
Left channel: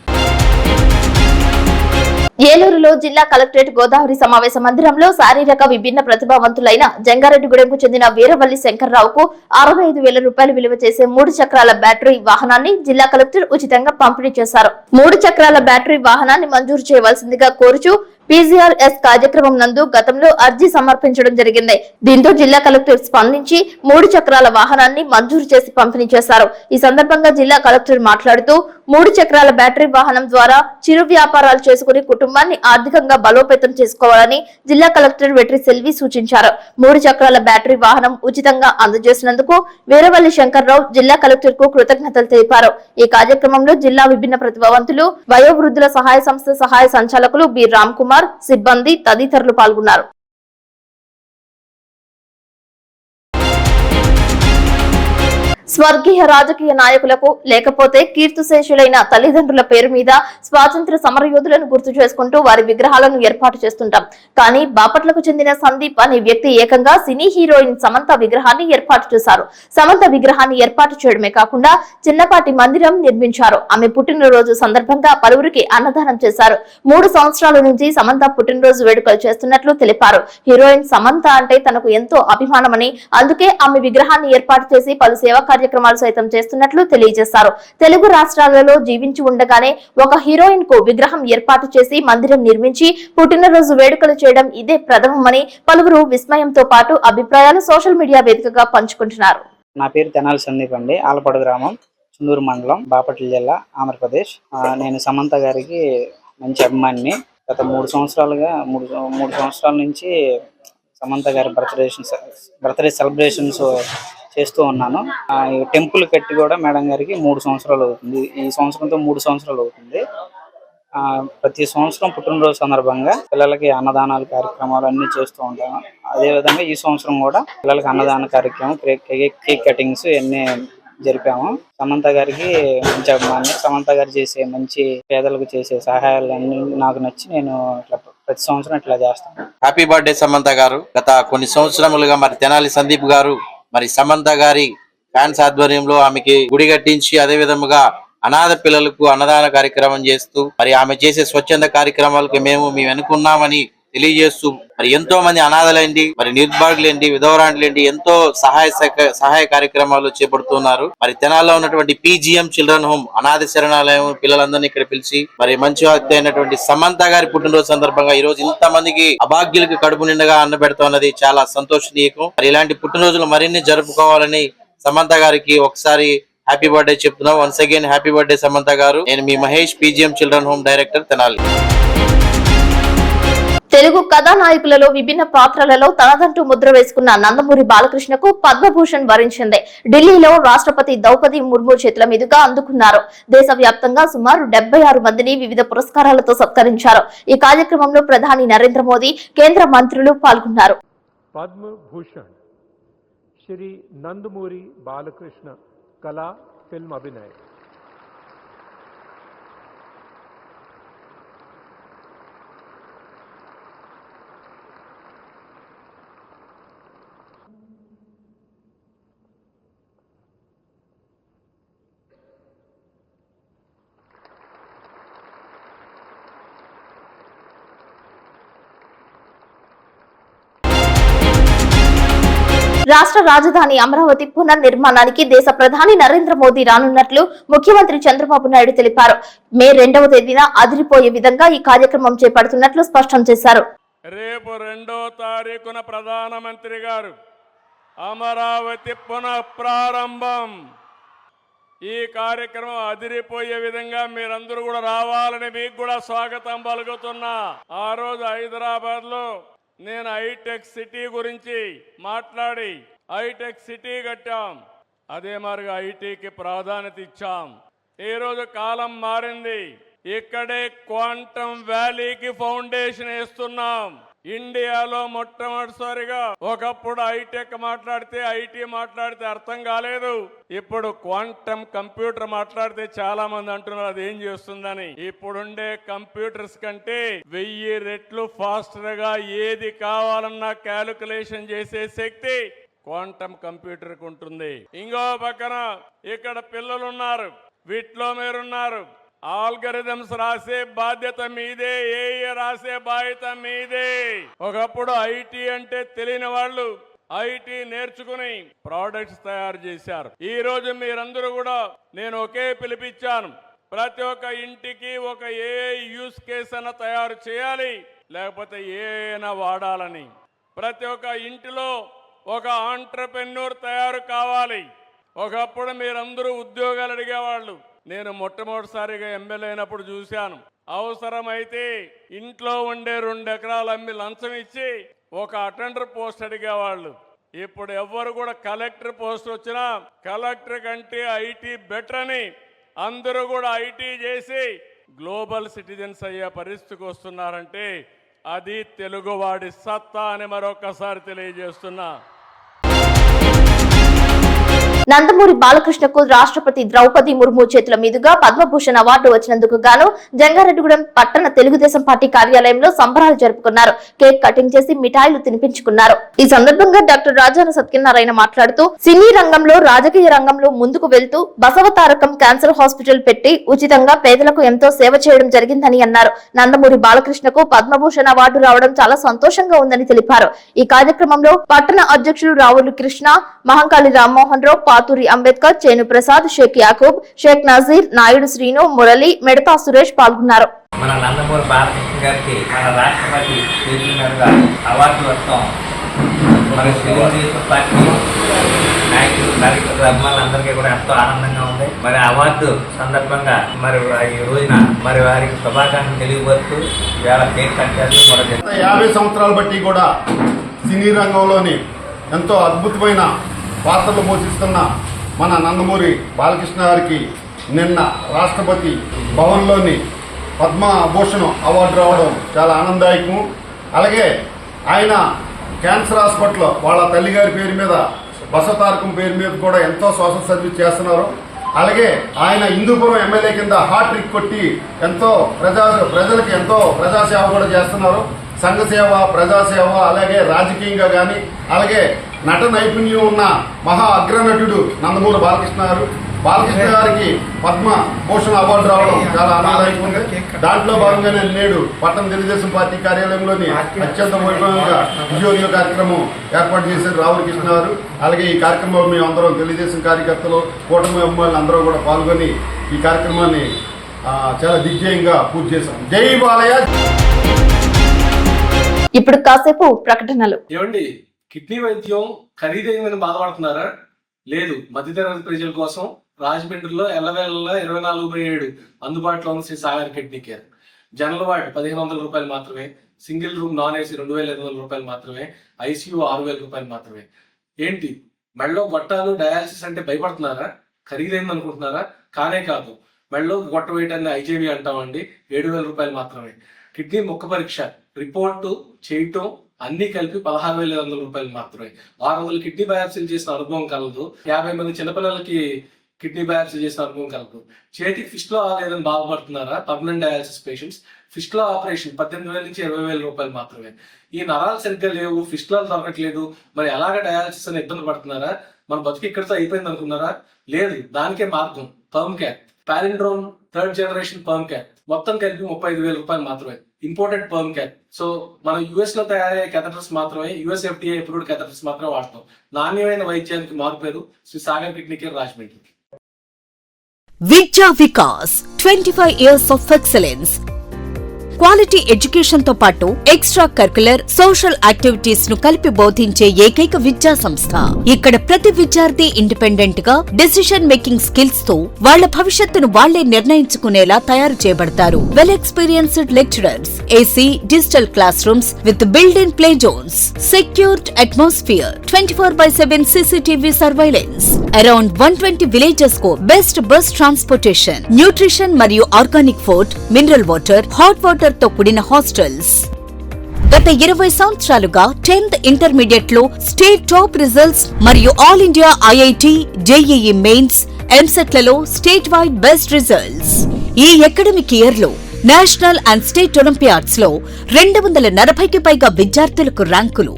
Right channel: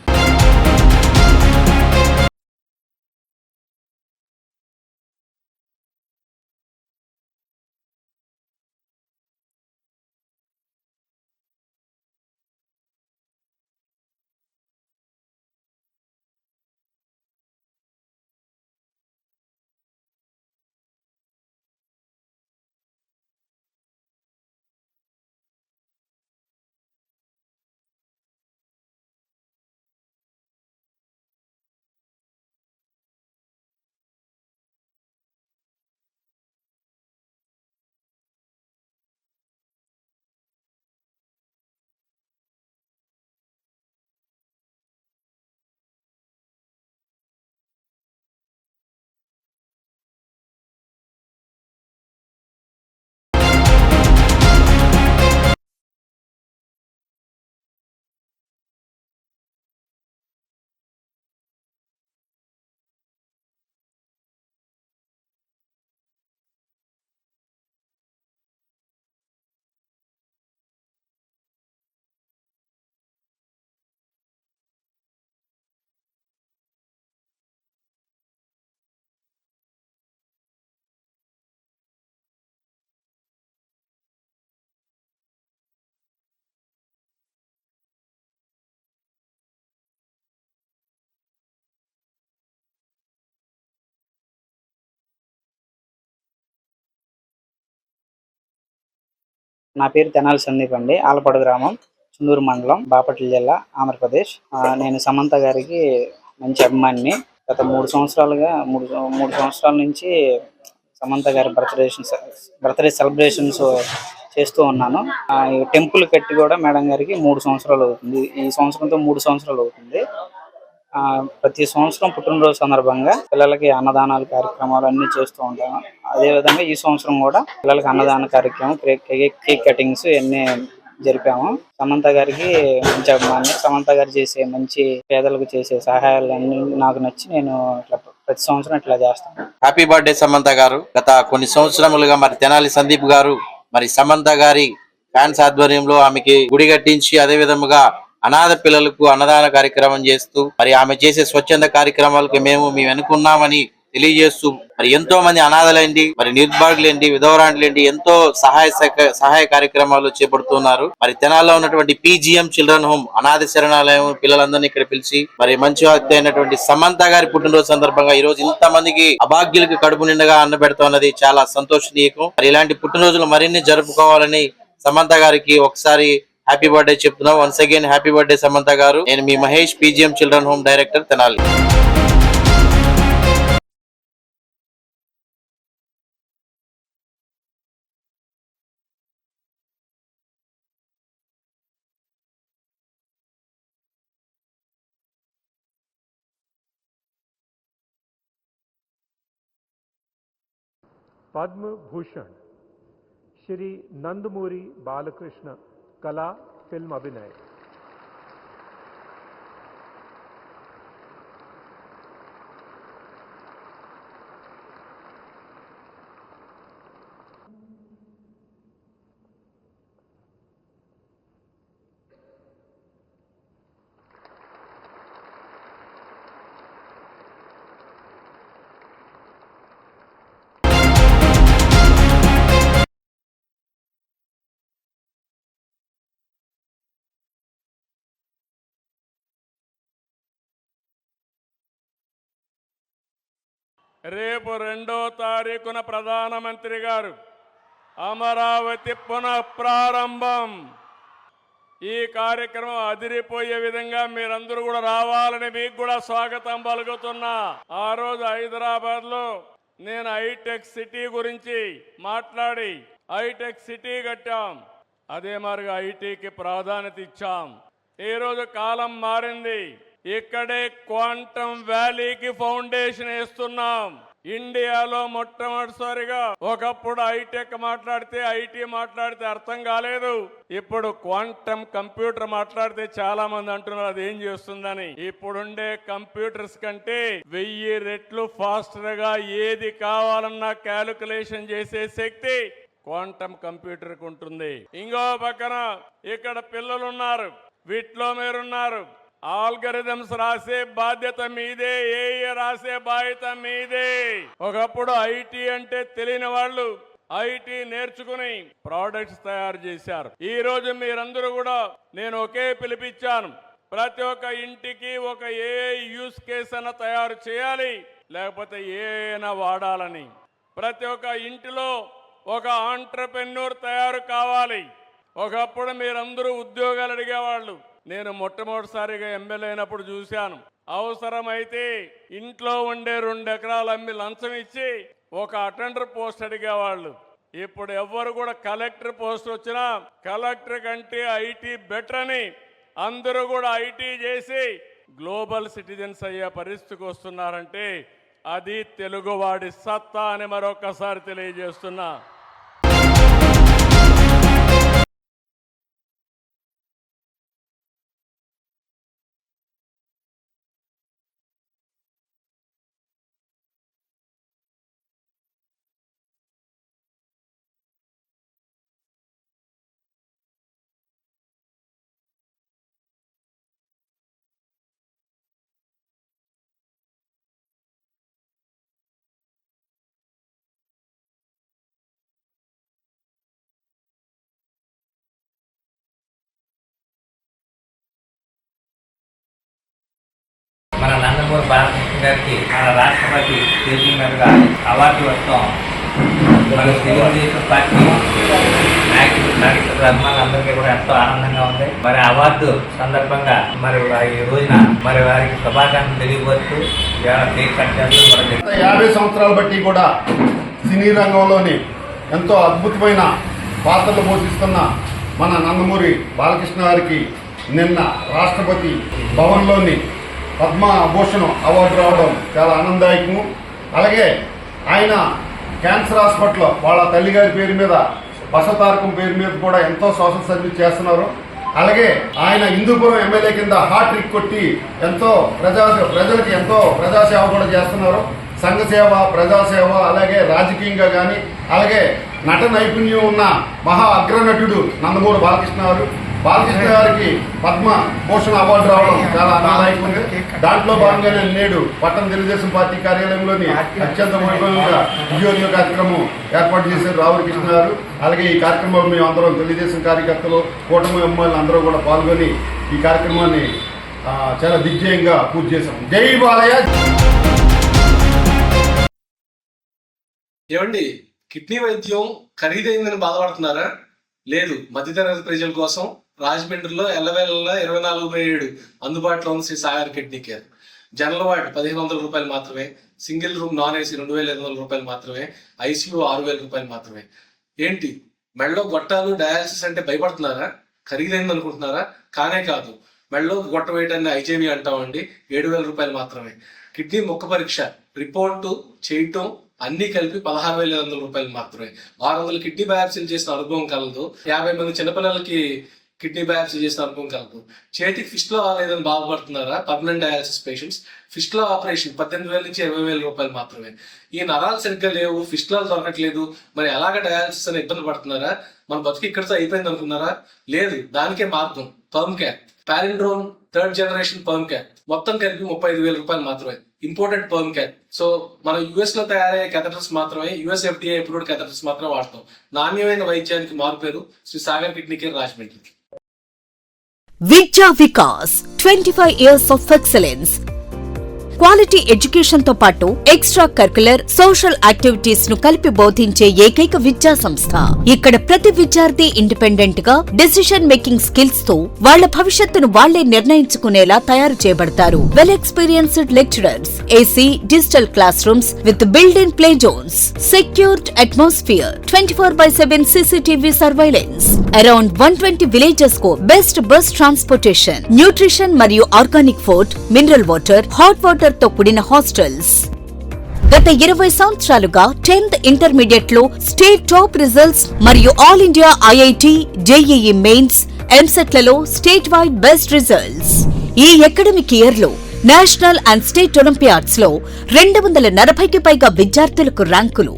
ఏలూరులో జిల్లా కలెక్టరేట్ గోదావరి సమావేశ మందిరంలో శారీరక విభిన్న ప్రతిభావంతులైన జంగారెడ్డిగూడెంకు చెందిన వీరవల్లి శంకర్రావుకు 65,000 రూపాయలు విలువ చేసే 3 చక్రాల బ్యాటరీ వాహనాన్ని జిల్లా కలెక్టర్ ఉచితంగా పంపిణీ చేశారు. 3 చక్రాల బ్యాటరీ వాహనాన్ని మంజూరు చేయవలసిందిగా కోరుచూ PGRS కార్యక్రమం నందు గతంలో అర్జీ సమర్పించడం జరిగింది. దీంతో జిల్లా కలెక్టర్ స్పందించి 3 చక్రాల వాహనాన్ని మంజూరు చేసి పంపిణీ చేశారు. ఈ సందర్భంగా జిల్లా కలెక్టర్ మాట్లాడుతూ 3 చక్రాల బ్యాటరీ వాహనం ద్వారా చిరు వ్యాపారాలు చేసుకుని కుటుంబాన్ని ఆర్థికంగా బలోపేతం చేసుకోవాలని జిల్లా కలెక్టర్ వెట్రి సెల్వి సూచించారు. 3 చక్రాల బ్యాటరీ వాహనం ఉచితంగా అందజేసినందుకు వీరవల్లి శంకర్రావు జిల్లా కలెక్టర్ కు కృతజ్ఞతలు తెలిపారు. ఈ కార్యక్రమంలో జిల్లా విభిన్న ప్రతిభావంతులు, వయోవృద్ధుల సహాయ సంస్థ సహాయ సంచాలకులు బి రామ్ కుమార్, సిబ్బంది తదితరులు పాల్గొన్నారు. స్వర్గీయ రాజకీయ నాయకులకు లేకపోతే కీర్తిశేషులైన తల్లిదండ్రుల పేరు మీద స్వాతంత్ర సమరయోధులను గుర్తు చేసుకుంటూ వారి విగ్రహాలను ఏర్పాటు చేస్తుంటాం. కానీ బాపట్లకు చెందిన సందీప్ అనే వ్యక్తి ఏకంగా సినీ హీరోయిన్ సమంత విగ్రహాన్ని ఏర్పాటు చేశారు. సమంత విగ్రహాన్ని ఏర్పాటు చేయడమే కాకుండా చిన్నపాటి మందిరం నిర్మించారు. ఆమె పుట్టినరోజు సందర్భంగా పలువురికి అన్నదానం చేశారు. 3 సంవత్సరాల నుంచి సమంత పుట్టినరోజు వేడుకలు చేస్తున్నట్లు తెలిపారు. హీరోయిన్ సమంత అంటే తనకు ఎంతో అభిమానమని, అందుకే ఆమె విగ్రహాన్ని ఏర్పాటు చేసి పలు సేవా కార్యక్రమాలు సైతం చేస్తున్నట్లు తెలియజేశారు. తెలుగు రాష్ట్రాలలో జీవించి ఉండగానే ఒక హీరోయిన్ కు విగ్రహం ఏర్పాటు చేసి మందిరం నిర్మించి పుట్టినరోజు వేడుకలు చేయడం ఇదే ప్రథమమని పలువురు విస్మయంతో పాటు అభిప్రాయాలు సోషల్ మీడియా వేదికగా పంచుకుంటున్నారు. నా పేరు తెనాలి సందీప్ అండి. ఆలపాడు గ్రామం, చుందూరు మండలం, బాపట్ల జిల్లా, ఆంధ్రప్రదేశ్. నేను సమంత గారికి మంచి అభిమానిని. గత 3 సంవత్సరాల నుంచి సమంత గారి బర్త్డే సెలబ్రేషన్స్ చేస్తూ ఉన్నాను. టెంపుల్ కట్టి కూడా మేడం గారికి 3 సంవత్సరాలు అవుతుంది. ఈ సంవత్సరంతో 3 సంవత్సరాలు అవుతుంది. ప్రతి సంవత్సరం పుట్టినరోజు సందర్భంగా పిల్లలకి అన్నదానాలు కార్యక్రమాలు అన్ని చేస్తూ ఉంటాను. అదేవిధంగా ఈ సంవత్సరం కూడా పిల్లలకి అన్నదాన కార్యక్రమం, కేక్ కటింగ్స్ ఇవన్నీ జరిపాము. సమంత గారికి మంచి అభిమాని. సమంత గారు చేసే మంచి పేదలకు చేసే సహాయాలన్నీ నాకు నచ్చి నేను ప్రతి సంవత్సరం ఇట్లా చేస్తాను. హ్యాపీ బర్త్డే సమంత గారు. గత కొన్ని సంవత్సరములుగా మరి తెనాలి సందీప్ గారు మరి సమంత గారి ఫ్యాన్స్ ఆధ్వర్యంలో ఆమెకి గుడి కట్టించి అదే విధముగా అనాథ పిల్లలకు అన్నదాన కార్యక్రమం చేస్తూ మరి ఆమె చేసే స్వచ్ఛంద కార్యక్రమాలకు మేము వెనుకున్నామని తెలియజేస్తూ మరి ఎంతో మంది అనాథలేంటి, మరి నిర్భాగులేంటి, విధవరాంట్లేంటి ఎంతో సహాయ కార్యక్రమాలు చేపడుతున్నారు. మరి తెనాల్లో ఉన్నటువంటి PGM చిల్డ్రన్ హోమ్ అనాథ శరణాలయం పిల్లలందరినీ ఇక్కడ పిలిచి మరి మంచి వ్యక్తి అయినటువంటి సమంత గారి పుట్టినరోజు సందర్భంగా ఈ రోజు ఇంత మందికి అభాగ్యులకు కడుపు నిండగా అన్న పెడుతున్నది చాలా సంతోషనీయకం. మరి ఇలాంటి పుట్టినరోజులు మరిన్ని జరుపుకోవాలని సమంత గారికి ఒకసారి హ్యాపీ బర్త్డే చెప్తున్నాం. Once again happy birthday Samantha garu. నేను మీ Mahesh, PGM children home director, Tenali. Telugu కథానాయకులలో విభిన్న పాత్రలలో తనదంటూ ముద్ర వేసుకున్న నందమూరి బాలకృష్ణకు పద్మభూషణ్ వరించింది. ఢిల్లీలో రాష్ట్రపతి ద్రౌపది ముర్ము చేతుల మీదుగా అందుకున్నారు. దేశవ్యాప్తంగా సుమారు 76 మందిని వివిధ పురస్కారాలతో సత్కరించారు. ఈ కార్యక్రమంలో ప్రధాని నరేంద్ర మోదీ, కేంద్ర మంత్రులు పాల్గొన్నారు. पद्मभूषण श्री नंदमूरी बालकृष्ण कला फिल्म अभिनय। రాష్ట్ర రాజధాని అమరావతి పునర్నిర్మాణానికి దేశ ప్రధాని నరేంద్ర మోదీ రానున్నట్లు ముఖ్యమంత్రి చంద్రబాబు నాయుడు తెలిపారు. మే 2వ తేదీన అదిరిపోయే విధంగా ఈ కార్యక్రమం చేపడుతున్నట్లు స్పష్టం చేశారు. రేపు 2వ తారీఖున ప్రధానమంత్రి గారు అమరావతి పునఃప్రారంభం, ఈ కార్యక్రమం అదిరిపోయే విధంగా మీరందరూ కూడా రావాలని మీకు కూడా స్వాగతం పలుకుతున్నా. ఆ రోజు హైదరాబాద్ లో నేను హైటెక్ సిటీ గురించి మాట్లాడి హైటెక్ సిటీ కట్టాం. అదే మరిగా ఐటీకి ప్రాధాన్యత ఇచ్చాం. ఈ రోజు కాలం మారింది. ఇక్కడే క్వాంటమ్ వ్యాలీకి ఫౌండేషన్ వేస్తున్నాం. ఇండియాలో మొట్టమొదటిసారిగా ఒకప్పుడు హైటెక్ మాట్లాడితే ఐటీ మాట్లాడితే అర్థం కాలేదు. ఇప్పుడు క్వాంటమ్ కంప్యూటర్ మాట్లాడితే చాలా మంది అంటున్నారు అది ఏం చేస్తుందని. ఇప్పుడుండే కంప్యూటర్స్ కంటే 1000 రెట్లు ఫాస్టర్ గా ఏది కావాలన్నా క్యాలిక్యులేషన్ చేసే శక్తి క్వాంటమ్ కంప్యూటర్ కు ఉంటుంది. ఇంకో పక్కన ఇక్కడ పిల్లలు ఉన్నారు, వీటిలో మీరున్నారు. ఆల్గరిథమ్స్ రాసే బాధ్యత మీదే, ఏఏ రాసే బాధ్యత మీదే. ఒకప్పుడు ఐటీ అంటే తెలియని వాళ్ళు ఐటీ నేర్చుకుని ప్రోడక్ట్స్ తయారు చేశారు. ఈ రోజు మీరందరూ కూడా నేను ఒకే పిలిపించాను, ప్రతి ఒక్క ఇంటికి ఒక ఏఐ యూస్ కేస్ అన్న తయారు చేయాలి, లేకపోతే ఏఐనా వాడాలని. ప్రతి ఒక్క ఇంటిలో ఒక ఆంట్రప్రెన్యూర్ తయారు కావాలి. ఒకప్పుడు మీరందరూ ఉద్యోగాలు అడిగేవాళ్ళు. నేను మొట్టమొదటిసారిగా ఎమ్మెల్యే అయినప్పుడు చూశాను, అవసరమైతే ఇంట్లో ఉండే 2 ఎకరాలు అమ్మి లంచం ఇచ్చి ఒక అటెండర్ పోస్ట్ అడిగేవాళ్ళు. ఇప్పుడు ఎవ్వరు కూడా కలెక్టర్ పోస్ట్ వచ్చినా కలెక్టర్ కంటే ఐటీ బెటర్ అని అందరూ కూడా ఐటీ చేసి గ్లోబల్ సిటిజన్స్ అయ్యే పరిస్థితికి వస్తున్నారంటే అది తెలుగువాడి సత్తా అని మరొకసారి తెలియజేస్తున్నా. నందమూరి బాలకృష్ణకు రాష్ట్రపతి ద్రౌపది ముర్ము చేతుల మీదుగా పద్మభూషణ్ అవార్డు వచ్చినందుకు గాను జంగారెడ్డిగూడెం పట్టణ తెలుగుదేశం పార్టీ కార్యాలయంలో సంబరాలు జరుపుకున్నారు. కేక్ కటింగ్ చేసి మిఠాయిలు తినిపించుకున్నారు. ఈ సందర్భంగా డాక్టర్ రాజాన సత్యనారాయణ మాట్లాడుతూ సినీ రంగంలో రాజకీయ రంగంలో ముందుకు వెళ్తూ బసవతారకం క్యాన్సర్ హాస్పిటల్ పెట్టి ఉచితంగా పేదలకు ఎంతో సేవ చేయడం జరిగిందని అన్నారు. నందమూరి బాలకృష్ణకు పద్మభూషణ్ అవార్డు రావడం చాలా సంతోషంగా ఉందని తెలిపారు. ఈ కార్యక్రమంలో పట్టణ అధ్యక్షులు రావులు కృష్ణ, మహంకాళి రామ్మోహన్ రావు, పాతూరి అంబేద్కర్, చేను ప్రసాద్, షేక్ యాకూబ్, షేక్ నజీర్, నాయుడు శ్రీను, మురళి, మెడతా సురేష్ పాల్గొన్నారు. మన నందమూరి బాలకృష్ణ గారికి మన రాష్ట్రపతి చేతుల మీదుగా అవార్డు వస్తాం. మన తెలుగుదేశం పార్టీ నాయకులు, కార్యకర్తలు, అభిమానులందరికీ కూడా ఎంతో ఆనందంగా ఉంది. మరి అవార్డు సందర్భంగా మరి ఈ రోజున మరి వారికి శుభాకాంక్షలు తెలియవచ్చు. ఇవాళ కేక్ కట్ చేస్తూ మరొక 50 సంవత్సరాలు బట్టి కూడా సినీ రంగంలోని ఎంతో అద్భుతమైన పాత్రలు పోషిస్తున్న మన నందమూరి బాలకృష్ణ గారికి నిన్న రాష్ట్రపతి భవన్లోని పద్మభూషణ్ అవార్డు రావడం చాలా ఆనందదాయకము. అలాగే ఆయన క్యాన్సర్ హాస్పిటల్ వాళ్ళ తల్లిగారి పేరు మీద, బసవతారకం పేరు మీద కూడా ఎంతో సోషల్ సర్వీస్ చేస్తున్నారు. అలాగే ఆయన హిందూపురం ఎమ్మెల్యే కింద హాట్రిక్ కొట్టి ఎంతో ప్రజలకు ఎంతో ప్రజాసేవ కూడా చేస్తున్నారు. సంఘ సేవ, ప్రజాసేవ, అలాగే రాజకీయంగా కానీ, అలాగే నట నైపుణ్యం ఉన్న మహా అగ్రనటుడు నందమూరి బాలకృష్ణ గారికి పద్మభూషణ్ అవార్డు రావడం చాలా ఆనందదాయకం ఉంది. దాంట్లో భాగంగానే నేడు పట్టణ తెలుగుదేశం పార్టీ కార్యాలయంలోని అత్యంత వైభవంగా విజయోదయ కార్యక్రమం ఏర్పాటు చేశారు రావుల కృష్ణ గారు. అలాగే ఈ కార్యక్రమంలో మేము అందరం తెలుగుదేశం కార్యకర్తలు, కూటమి అభిమానులు అందరూ కూడా పాల్గొని ఈ కార్యక్రమాన్ని చాలా దిగ్విజయంగా పూర్తి చేశాం. జై బాలయ్య. ఇప్పుడు కాసేపు ప్రకటనలు. ఏమండి, కిడ్నీ వైద్యం ఖరీదైందని బాధపడుతున్నారా? లేదు, మధ్యతరగతి ప్రజల కోసం రాజమండ్రిలో ఎల్లవేళ 24/7 అందుబాటులో ఉంది Shri Sagar kidney care. General ward 1500 రూపాయలు మాత్రమే, సింగిల్ రూమ్ నాన్ ఏసీ 2500 రూపాయలు మాత్రమే, ఐసీయూ 6000 రూపాయలు మాత్రమే. ఏంటి, మెడలో గొట్టాలు డయాలసిస్ అంటే భయపడుతున్నారా? ఖరీదైంది అనుకుంటున్నారా? కానే కాదు. మెడలో గొట్ట వేయటాన్ని ఐజేవి అంటామండి, 7000 రూపాయలు మాత్రమే. కిడ్నీ మొక్క పరీక్ష రిపోర్టు చేయటం అన్ని కలిపి 16,500 రూపాయలు మాత్రమే. 600 కిడ్నీ బయాప్సీలు చేసిన అనుభవం కలదు. 50 మంది చిన్నపిల్లలకి కిడ్నీ బయాప్సీ చేసిన అనుభవం కలదు. చేతికి ఫిస్ట్లో లేదని బాధపడుతున్నారా? పర్మనెంట్ డయాలసిస్ పేషెంట్స్ ఫిస్ట్లో ఆపరేషన్ 18,000 నుంచి 20,000 రూపాయలు మాత్రమే. ఈ నరాలు సరిగ్గా లేవు, ఫిస్టులాలు దొరకట్లేదు, మరి ఎలాగ డయాలసిస్ అని ఇబ్బంది పడుతున్నారా? మన బతుకు ఇక్కడితో అయిపోయింది అనుకున్నారా? లేదు, దానికే మార్గం perm cap, palindrome 3rd generation perm cap. మొత్తం కలిపి 35,000 రూపాయలు మాత్రమే. Imported perm cap. సో మనం యుఎస్ లో తయారయ్యే కెథటర్స్ మాత్రమే, యుఎస్ FDA అప్రూవ్డ్ కెథటర్స్ మాత్రమే వాడతాం. నాణ్యమైన వైద్యానికి మారుపేరు శ్రీ సాగర్ కిడ్నీ కేర్ రాజమండ్రి. విద్యా Vikas 25 years of excellence. Quality education తో పాటు ఎక్స్ట్రా కరికులర్ సోషల్ యాక్టివిటీస్ ను కలిపి బోధించే ఏకైక విద్యా సంస్థ. ఇక్కడ ప్రతి విద్యార్థి ఇండిపెండెంట్ గా డెసిషన్ మేకింగ్ స్కిల్స్ తో వాళ్ల భవిష్యత్తును వాళ్లే నిర్ణయించుకునేలా తయారు చేయబడతారు. Well experienced lecturers, AC digital class rooms with build in play zones, secured atmosphere, 24/7 CCTV surveillance. Around 120 villages కు బెస్ట్ బస్ ట్రాన్స్పోర్టేషన్, న్యూట్రిషన్ మరియు organic food, mineral water, hot water తో కూడిన హాస్టల్స్. గత 20 సంవత్సరాలుగా 10th ఇంటర్మీడియట్ లో స్టేట్ టాప్ రిజల్ట్స్ మరియు all India IIT, JEE mains, EAMCET లలో స్టేట్ వైడ్ బెస్ట్ రిజల్ట్స్. ఈ అకాడమిక్ ఇయర్ లో నేషనల్ అండ్ స్టేట్ ఒలింపియాడ్స్ లో 240కి పైగా విద్యార్థులకు ర్యాంకులు.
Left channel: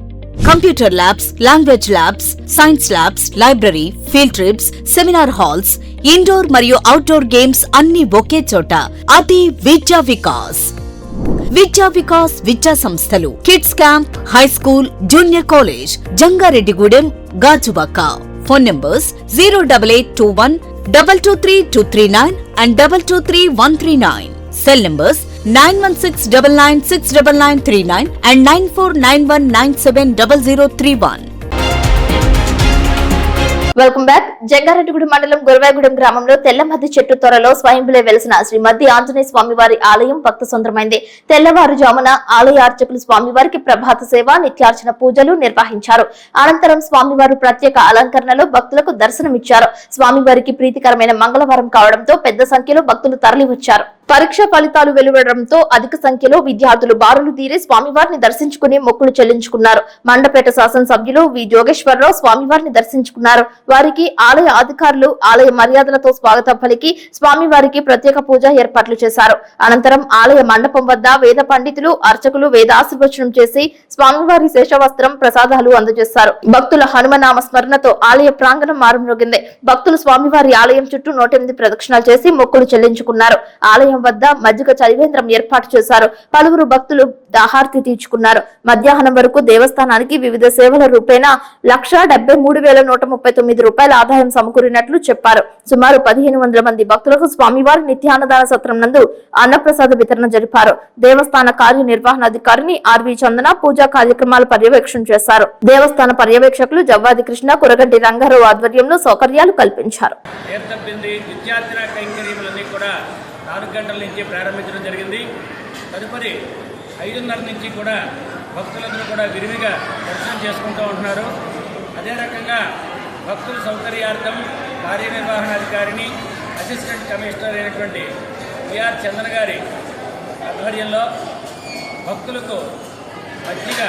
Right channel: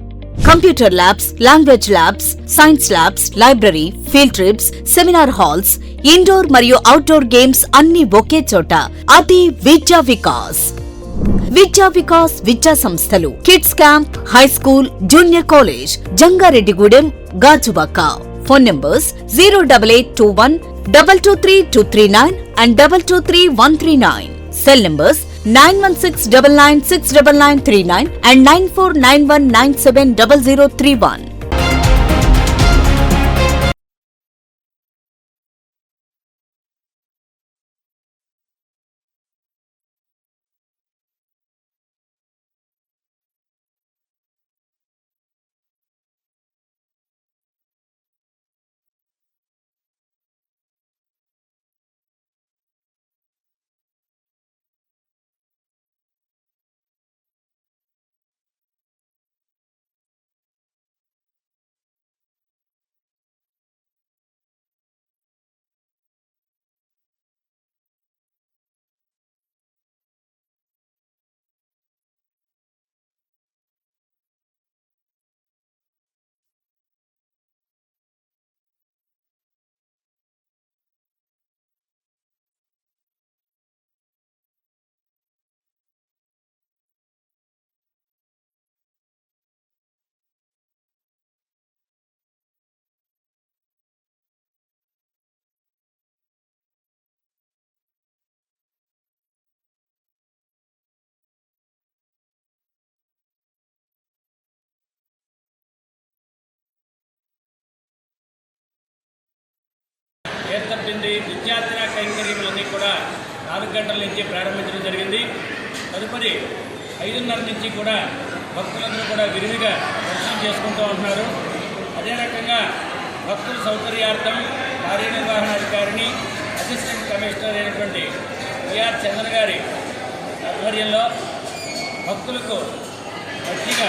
Computer labs, language labs, science labs, library, field trips, seminar halls, indoor మరియు అవుట్డోర్ గేమ్స్ అన్ని ఒకే చోట. అది విద్యా వికాస్. విద్యా వికాస్ విద్యా సంస్థలు kids camp, high school, junior college, Jangareddygudem, Gajuwaka. Phone numbers 08821 223239 and 223139. Cell numbers 9169969939 and 9491970031. Welcome back. Jangareddygudem మండలం గురవాయగూడెం గ్రామంలో తెల్లమద్ది చెట్టు త్వరలో స్వయంభులే వెలిసిన శ్రీ మద్ది ఆంజనేయ స్వామివారి ఆలయం భక్త సొందరమైంది. తెల్లవారుజామున ఆలయ అర్చకులు స్వామివారికి ప్రభాత సేవ, నిత్యార్చన పూజలు నిర్వహించారు. అనంతరం స్వామివారు ప్రత్యేక అలంకరణలో భక్తులకు దర్శనమిచ్చారు. స్వామివారికి ప్రీతికరమైన మంగళవారం కావడంతో పెద్ద సంఖ్యలో భక్తులు తరలివచ్చారు. పరీక్ష ఫలితాలు వెలువడడంతో అధిక సంఖ్యలో విద్యార్థులు బారులు తీరి స్వామివారిని దర్శించుకుని మొక్కులు చెల్లించుకున్నారు. మండపేట శాసనసభ్యులు వి జోగేశ్వరరావు స్వామివారిని దర్శించుకున్నారు. వారికి ఆలయ అధికారులు ఆలయ మర్యాదలతో స్వాగతం పలికి స్వామివారికి ప్రత్యేక పూజ ఏర్పాట్లు చేశారు. అనంతరం ఆలయ మండపం వద్ద వేద పండితులు, అర్చకులు వేదాశీర్వచనం చేసి స్వామివారి శేషవస్త్రం, ప్రసాదాలు అందజేశారు. భక్తుల హనుమనామ స్మరణతో ఆలయ ప్రాంగణం మారుమ్రోగింది. భక్తులు స్వామివారి ఆలయం చుట్టూ 108 ప్రదక్షిణాలు చేసి మొక్కులు చెల్లించుకున్నారు. ఆలయం వద్ద మజ్జిగ చలివేంద్రం ఏర్పాటు చేశారు. పలువురు భక్తులు దాహార్తి తీర్చుకున్నారు. మధ్యాహ్నం వరకు దేవస్థానానికి వివిధ సేవల రూపేణా 1,73,139 రూపాయల ఆదాయం సమకూరినట్లు చెప్పారు. సుమారు 1,500 మంది భక్తులకు స్వామివారి నిత్యాన్నదాన సత్రం నందు అన్నప్రసాద వితరణ జరిపారు. దేవస్థాన కార్యనిర్వహణాధికారిని ఆర్వి చందన పూజా కార్యక్రమాలు పర్యవేక్షణ చేశారు. దేవస్థాన పర్యవేక్షకులు జవ్వాది కృష్ణ, కురగంటి రంగారావు ఆధ్వర్యంలో సౌకర్యాలు కల్పించారు. 4 గంటల నుంచి ప్రారంభించడం జరిగింది. తదుపరి 5:30 నుంచి కూడా భక్తులందరూ కూడా విరివిగా దర్శనం చేసుకుంటూ ఉంటున్నారు. అదే రకంగా భక్తుల సౌకర్యార్థం కార్యనిర్వహణాధికారిని, అసిస్టెంట్ కమిషనర్ అయినటువంటి విఆర్ చంద్ర గారి ఆధ్వర్యంలో భక్తులకు మజ్జిగ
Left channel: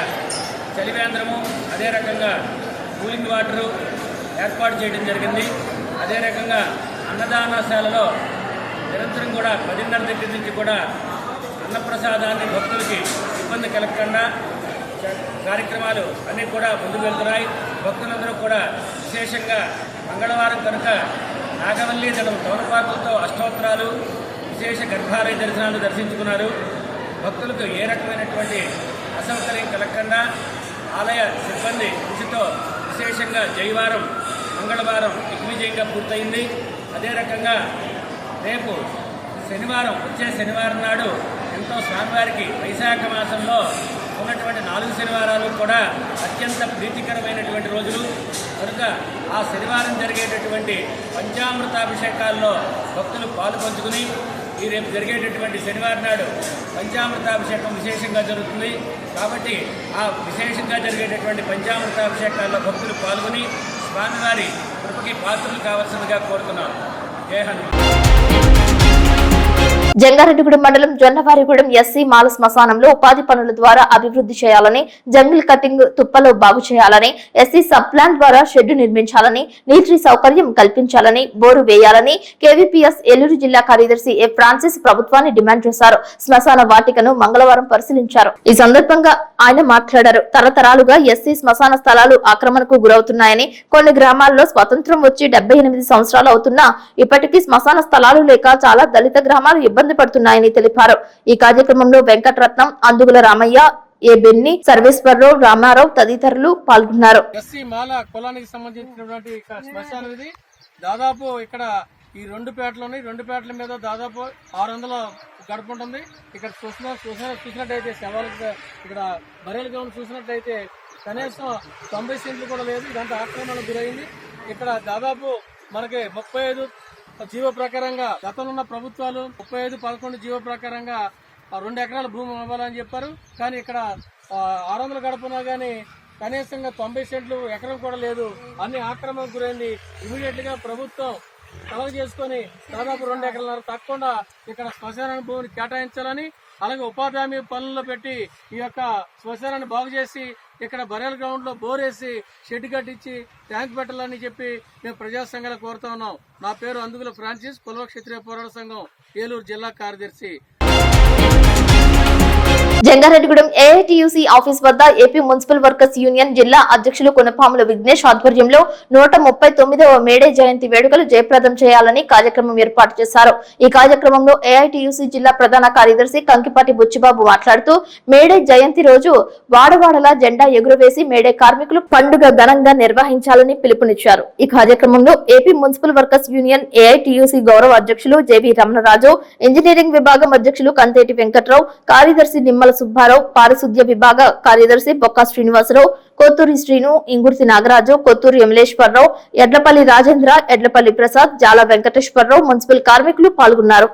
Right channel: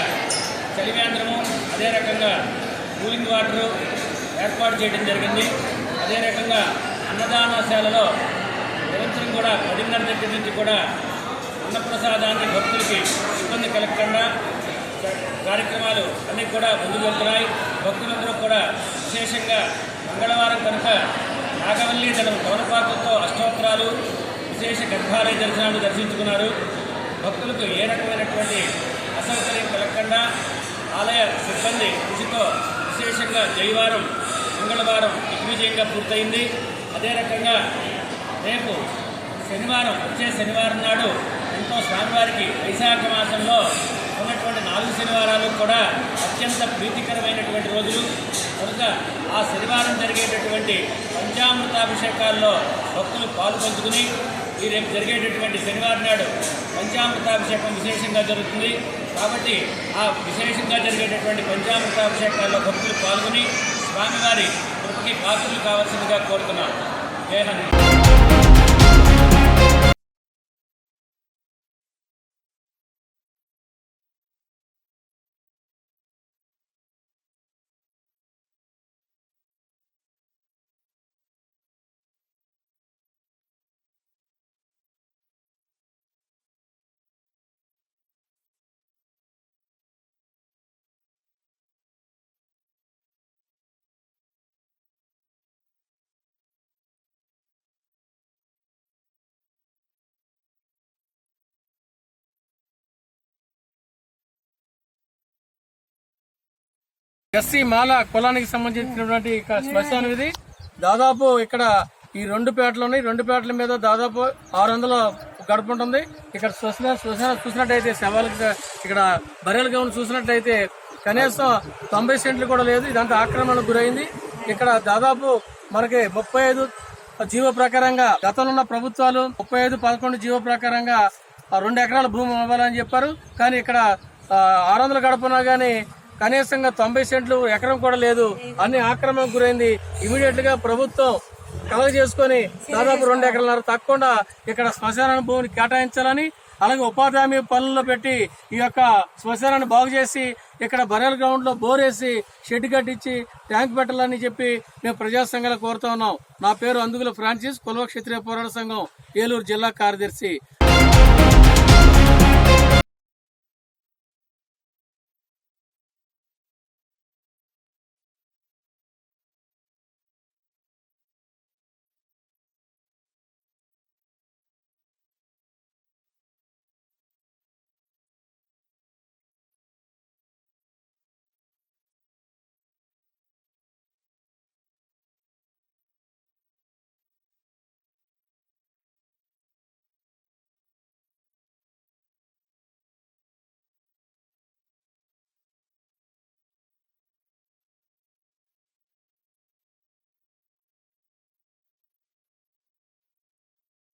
చలివేంద్రము, అదే రకంగా కూలింగ్ వాటరు ఏర్పాటు చేయడం జరిగింది. అదే రకంగా అన్నదానశాలలో నిరంతరం కూడా 10:30 దగ్గర నుంచి కూడా అన్నప్రసాదాన్ని భక్తులకి ఇబ్బంది కలగకుండా కార్యక్రమాలు అన్నీ కూడా ముందుకు వెళ్తున్నాయి. భక్తులందరూ కూడా విశేషంగా మంగళవారం కనుక నాగవల్లి తమలపాకులతో అష్టోత్తరాలు, విశేష గర్భాలయ దర్శనాలు దర్శించుకున్నారు. భక్తులకు ఏ రకమైనటువంటి అసౌకర్యం కలగకుండా ఆలయ సిబ్బంది కృషితో విశేషంగా జయవారం మంగళవారం దిగ్విజయంగా పూర్తయింది. అదే రకంగా రేపు శనివారం, వచ్చే శనివారం నాడు ఎంతో స్వామివారికి వైశాఖ మాసంలో ఉన్నటువంటి 4 శనివారాలు కూడా అత్యంత ప్రీతికరమైనటువంటి రోజులు కనుక ఆ శనివారం జరిగేటటువంటి పంచామృతాభిషేకాల్లో భక్తులు పాలు పంచుకుని ఈ రేపు జరిగేటటువంటి శనివారం నాడు పంచామృతాభిషేకం విశేషంగా జరుగుతుంది. కాబట్టి ఆ విశేషంగా జరిగేటటువంటి పంచామృతాభిషేకాల్లో భక్తులు పాల్గొని స్వామివారి కృపకి పాత్రలు కావాల్సిందిగా కోరుతున్నాం. జై హనుమాన్. జంగారెడ్డిగూడెం మండలం జొన్నవారిగూడెం ఎస్సీ మాల శ్మశానంలో ఉపాధి పనుల ద్వారా అభివృద్ధి చేయాలని, జంగిల్ కటింగ్ తుప్పలో బాగు చేయాలని, ఎస్సీ సబ్ ప్లాన్ ద్వారా షెడ్డు నిర్మించాలని, నీటి సౌకర్యం కల్పించాలని, బోరు వేయాలని కేవీపీఎస్ ఏలూరు జిల్లా కార్యదర్శి ఏ ఫ్రాన్సిస్ ప్రభుత్వాన్ని డిమాండ్ చేశారు. శ్మశాన వాటికను మంగళవారం పరిశీలించారు. ఈ సందర్భంగా ఆయన మాట్లాడారు. తరతరాలుగా ఎస్సీ శ్మశాన స్థలాలు ఆక్రమణకు గురవుతున్నాయని, కొన్ని గ్రామాల్లో స్వతంత్రం వచ్చి 78 సంవత్సరాలు అవుతున్నా ఇప్పటికీ శ్మశాన స్థలాలు లేక చాలా దళిత గ్రామాలు ఇబ్బంది పడుతున్నాయని తెలిపారు. ఈ కార్యక్రమంలో వెంకటరత్నం, అందుగుల రామయ్య, ఏ బెన్ని, సర్వేశ్వరరావు, రామారావు తదితరులు పాల్గొన్నారు. ఎస్సీ మాల కులానికి సంబంధించినటువంటి శ్మశానం ఇది. దాదాపు ఇక్కడ ఈ 2 పేటలు ఉన్నాయి. 2 పేటల మీద దాదాపు 600 గడప ఉంటుంది. ఇక్కడ శ్మశానం చూసినట్టయితే శవాలకు ఇక్కడ బర్రెల గౌను చూసినట్టయితే కనీసం 90 సెంట్లు కూడా లేదు. ఇదంతా ఆక్రమణకు గురైంది. ఇక్కడ దాదాపు మనకి 35 జీవో ప్రకారంగా గతంలో ఉన్న ప్రభుత్వాలు 35-11 జీవో ప్రకారంగా 2 ఎకరాల భూమి ఇవ్వాలని చెప్పారు. కానీ ఇక్కడ 600 గడపనా గానీ కనీసంగా 90 సెంట్లు ఎకరం కూడా లేదు. అన్ని ఆక్రమణకు గురైంది. ఇమీడియట్ గా ప్రభుత్వం కలగ చేసుకుని దాదాపు 2 ఎకరాలన్నర తక్కువ ఇక్కడ శ్మశాన భూమిని కేటాయించాలని, అలాగే ఉపాధి హామీ పనుల్లో పెట్టి ఈ యొక్క శ్మశానాన్ని బాగు చేసి ఇక్కడ బరేల గ్రౌండ్ లో బోరేసి షెడ్ కట్టించి ట్యాంక్ పెట్టాలని చెప్పి మేము ప్రజా సంఘాలు కోరుతా ఉన్నాం. నా పేరు అందుగుల ఫ్రాన్సిస్, కులవ క్షత్రియ పోరాట సంఘం ఏలూరు జిల్లా కార్యదర్శి. జంగారెడ్డిగూడెం ఏఐటియుసి ఆఫీస్ వద్ద ఏపీ మున్సిపల్ వర్కర్స్ యూనియన్ జిల్లా అధ్యక్షులు కొనపాముల విఘ్నేష్ ఆధ్వర్యంలో 139వ మేడే జయంతి వేడుకలు జయప్రదం చేయాలని కార్యక్రమం ఏర్పాటు చేశారు. ఈ కార్యక్రమంలో ఏఐటియుసి జిల్లా ప్రధాన కార్యదర్శి కంకిపాటి బుచ్చిబాబు మాట్లాడుతూ మేడే జయంతి రోజు వాడవాడలా జెండా ఎగురవేసి మేడే కార్మికులు పండుగ ఘనంగా నిర్వహించాలని పిలుపునిచ్చారు. ఈ కార్యక్రమంలో AP municipal workers union AITUC గౌరవ అధ్యక్షులు జేవి రమణరాజు, ఇంజనీరింగ్ విభాగం అధ్యక్షులు కంతేటి వెంకట్రావు, కార్యదర్శి నిమ్మల సుబ్బారావు, పారిశుద్ధ్య విభాగ కార్యదర్శి బొక్క శ్రీనివాసరావు, కొత్తూరి శ్రీను, ఇంగుర్తి నాగరాజు, కొత్తూరి యమలేశ్వరరావు, ఎడ్లపల్లి రాజేంద్ర, ఎడ్లపల్లి ప్రసాద్, జాల వెంకటేశ్వరరావు, మున్సిపల్ కార్మికులు పాల్గొన్నారు.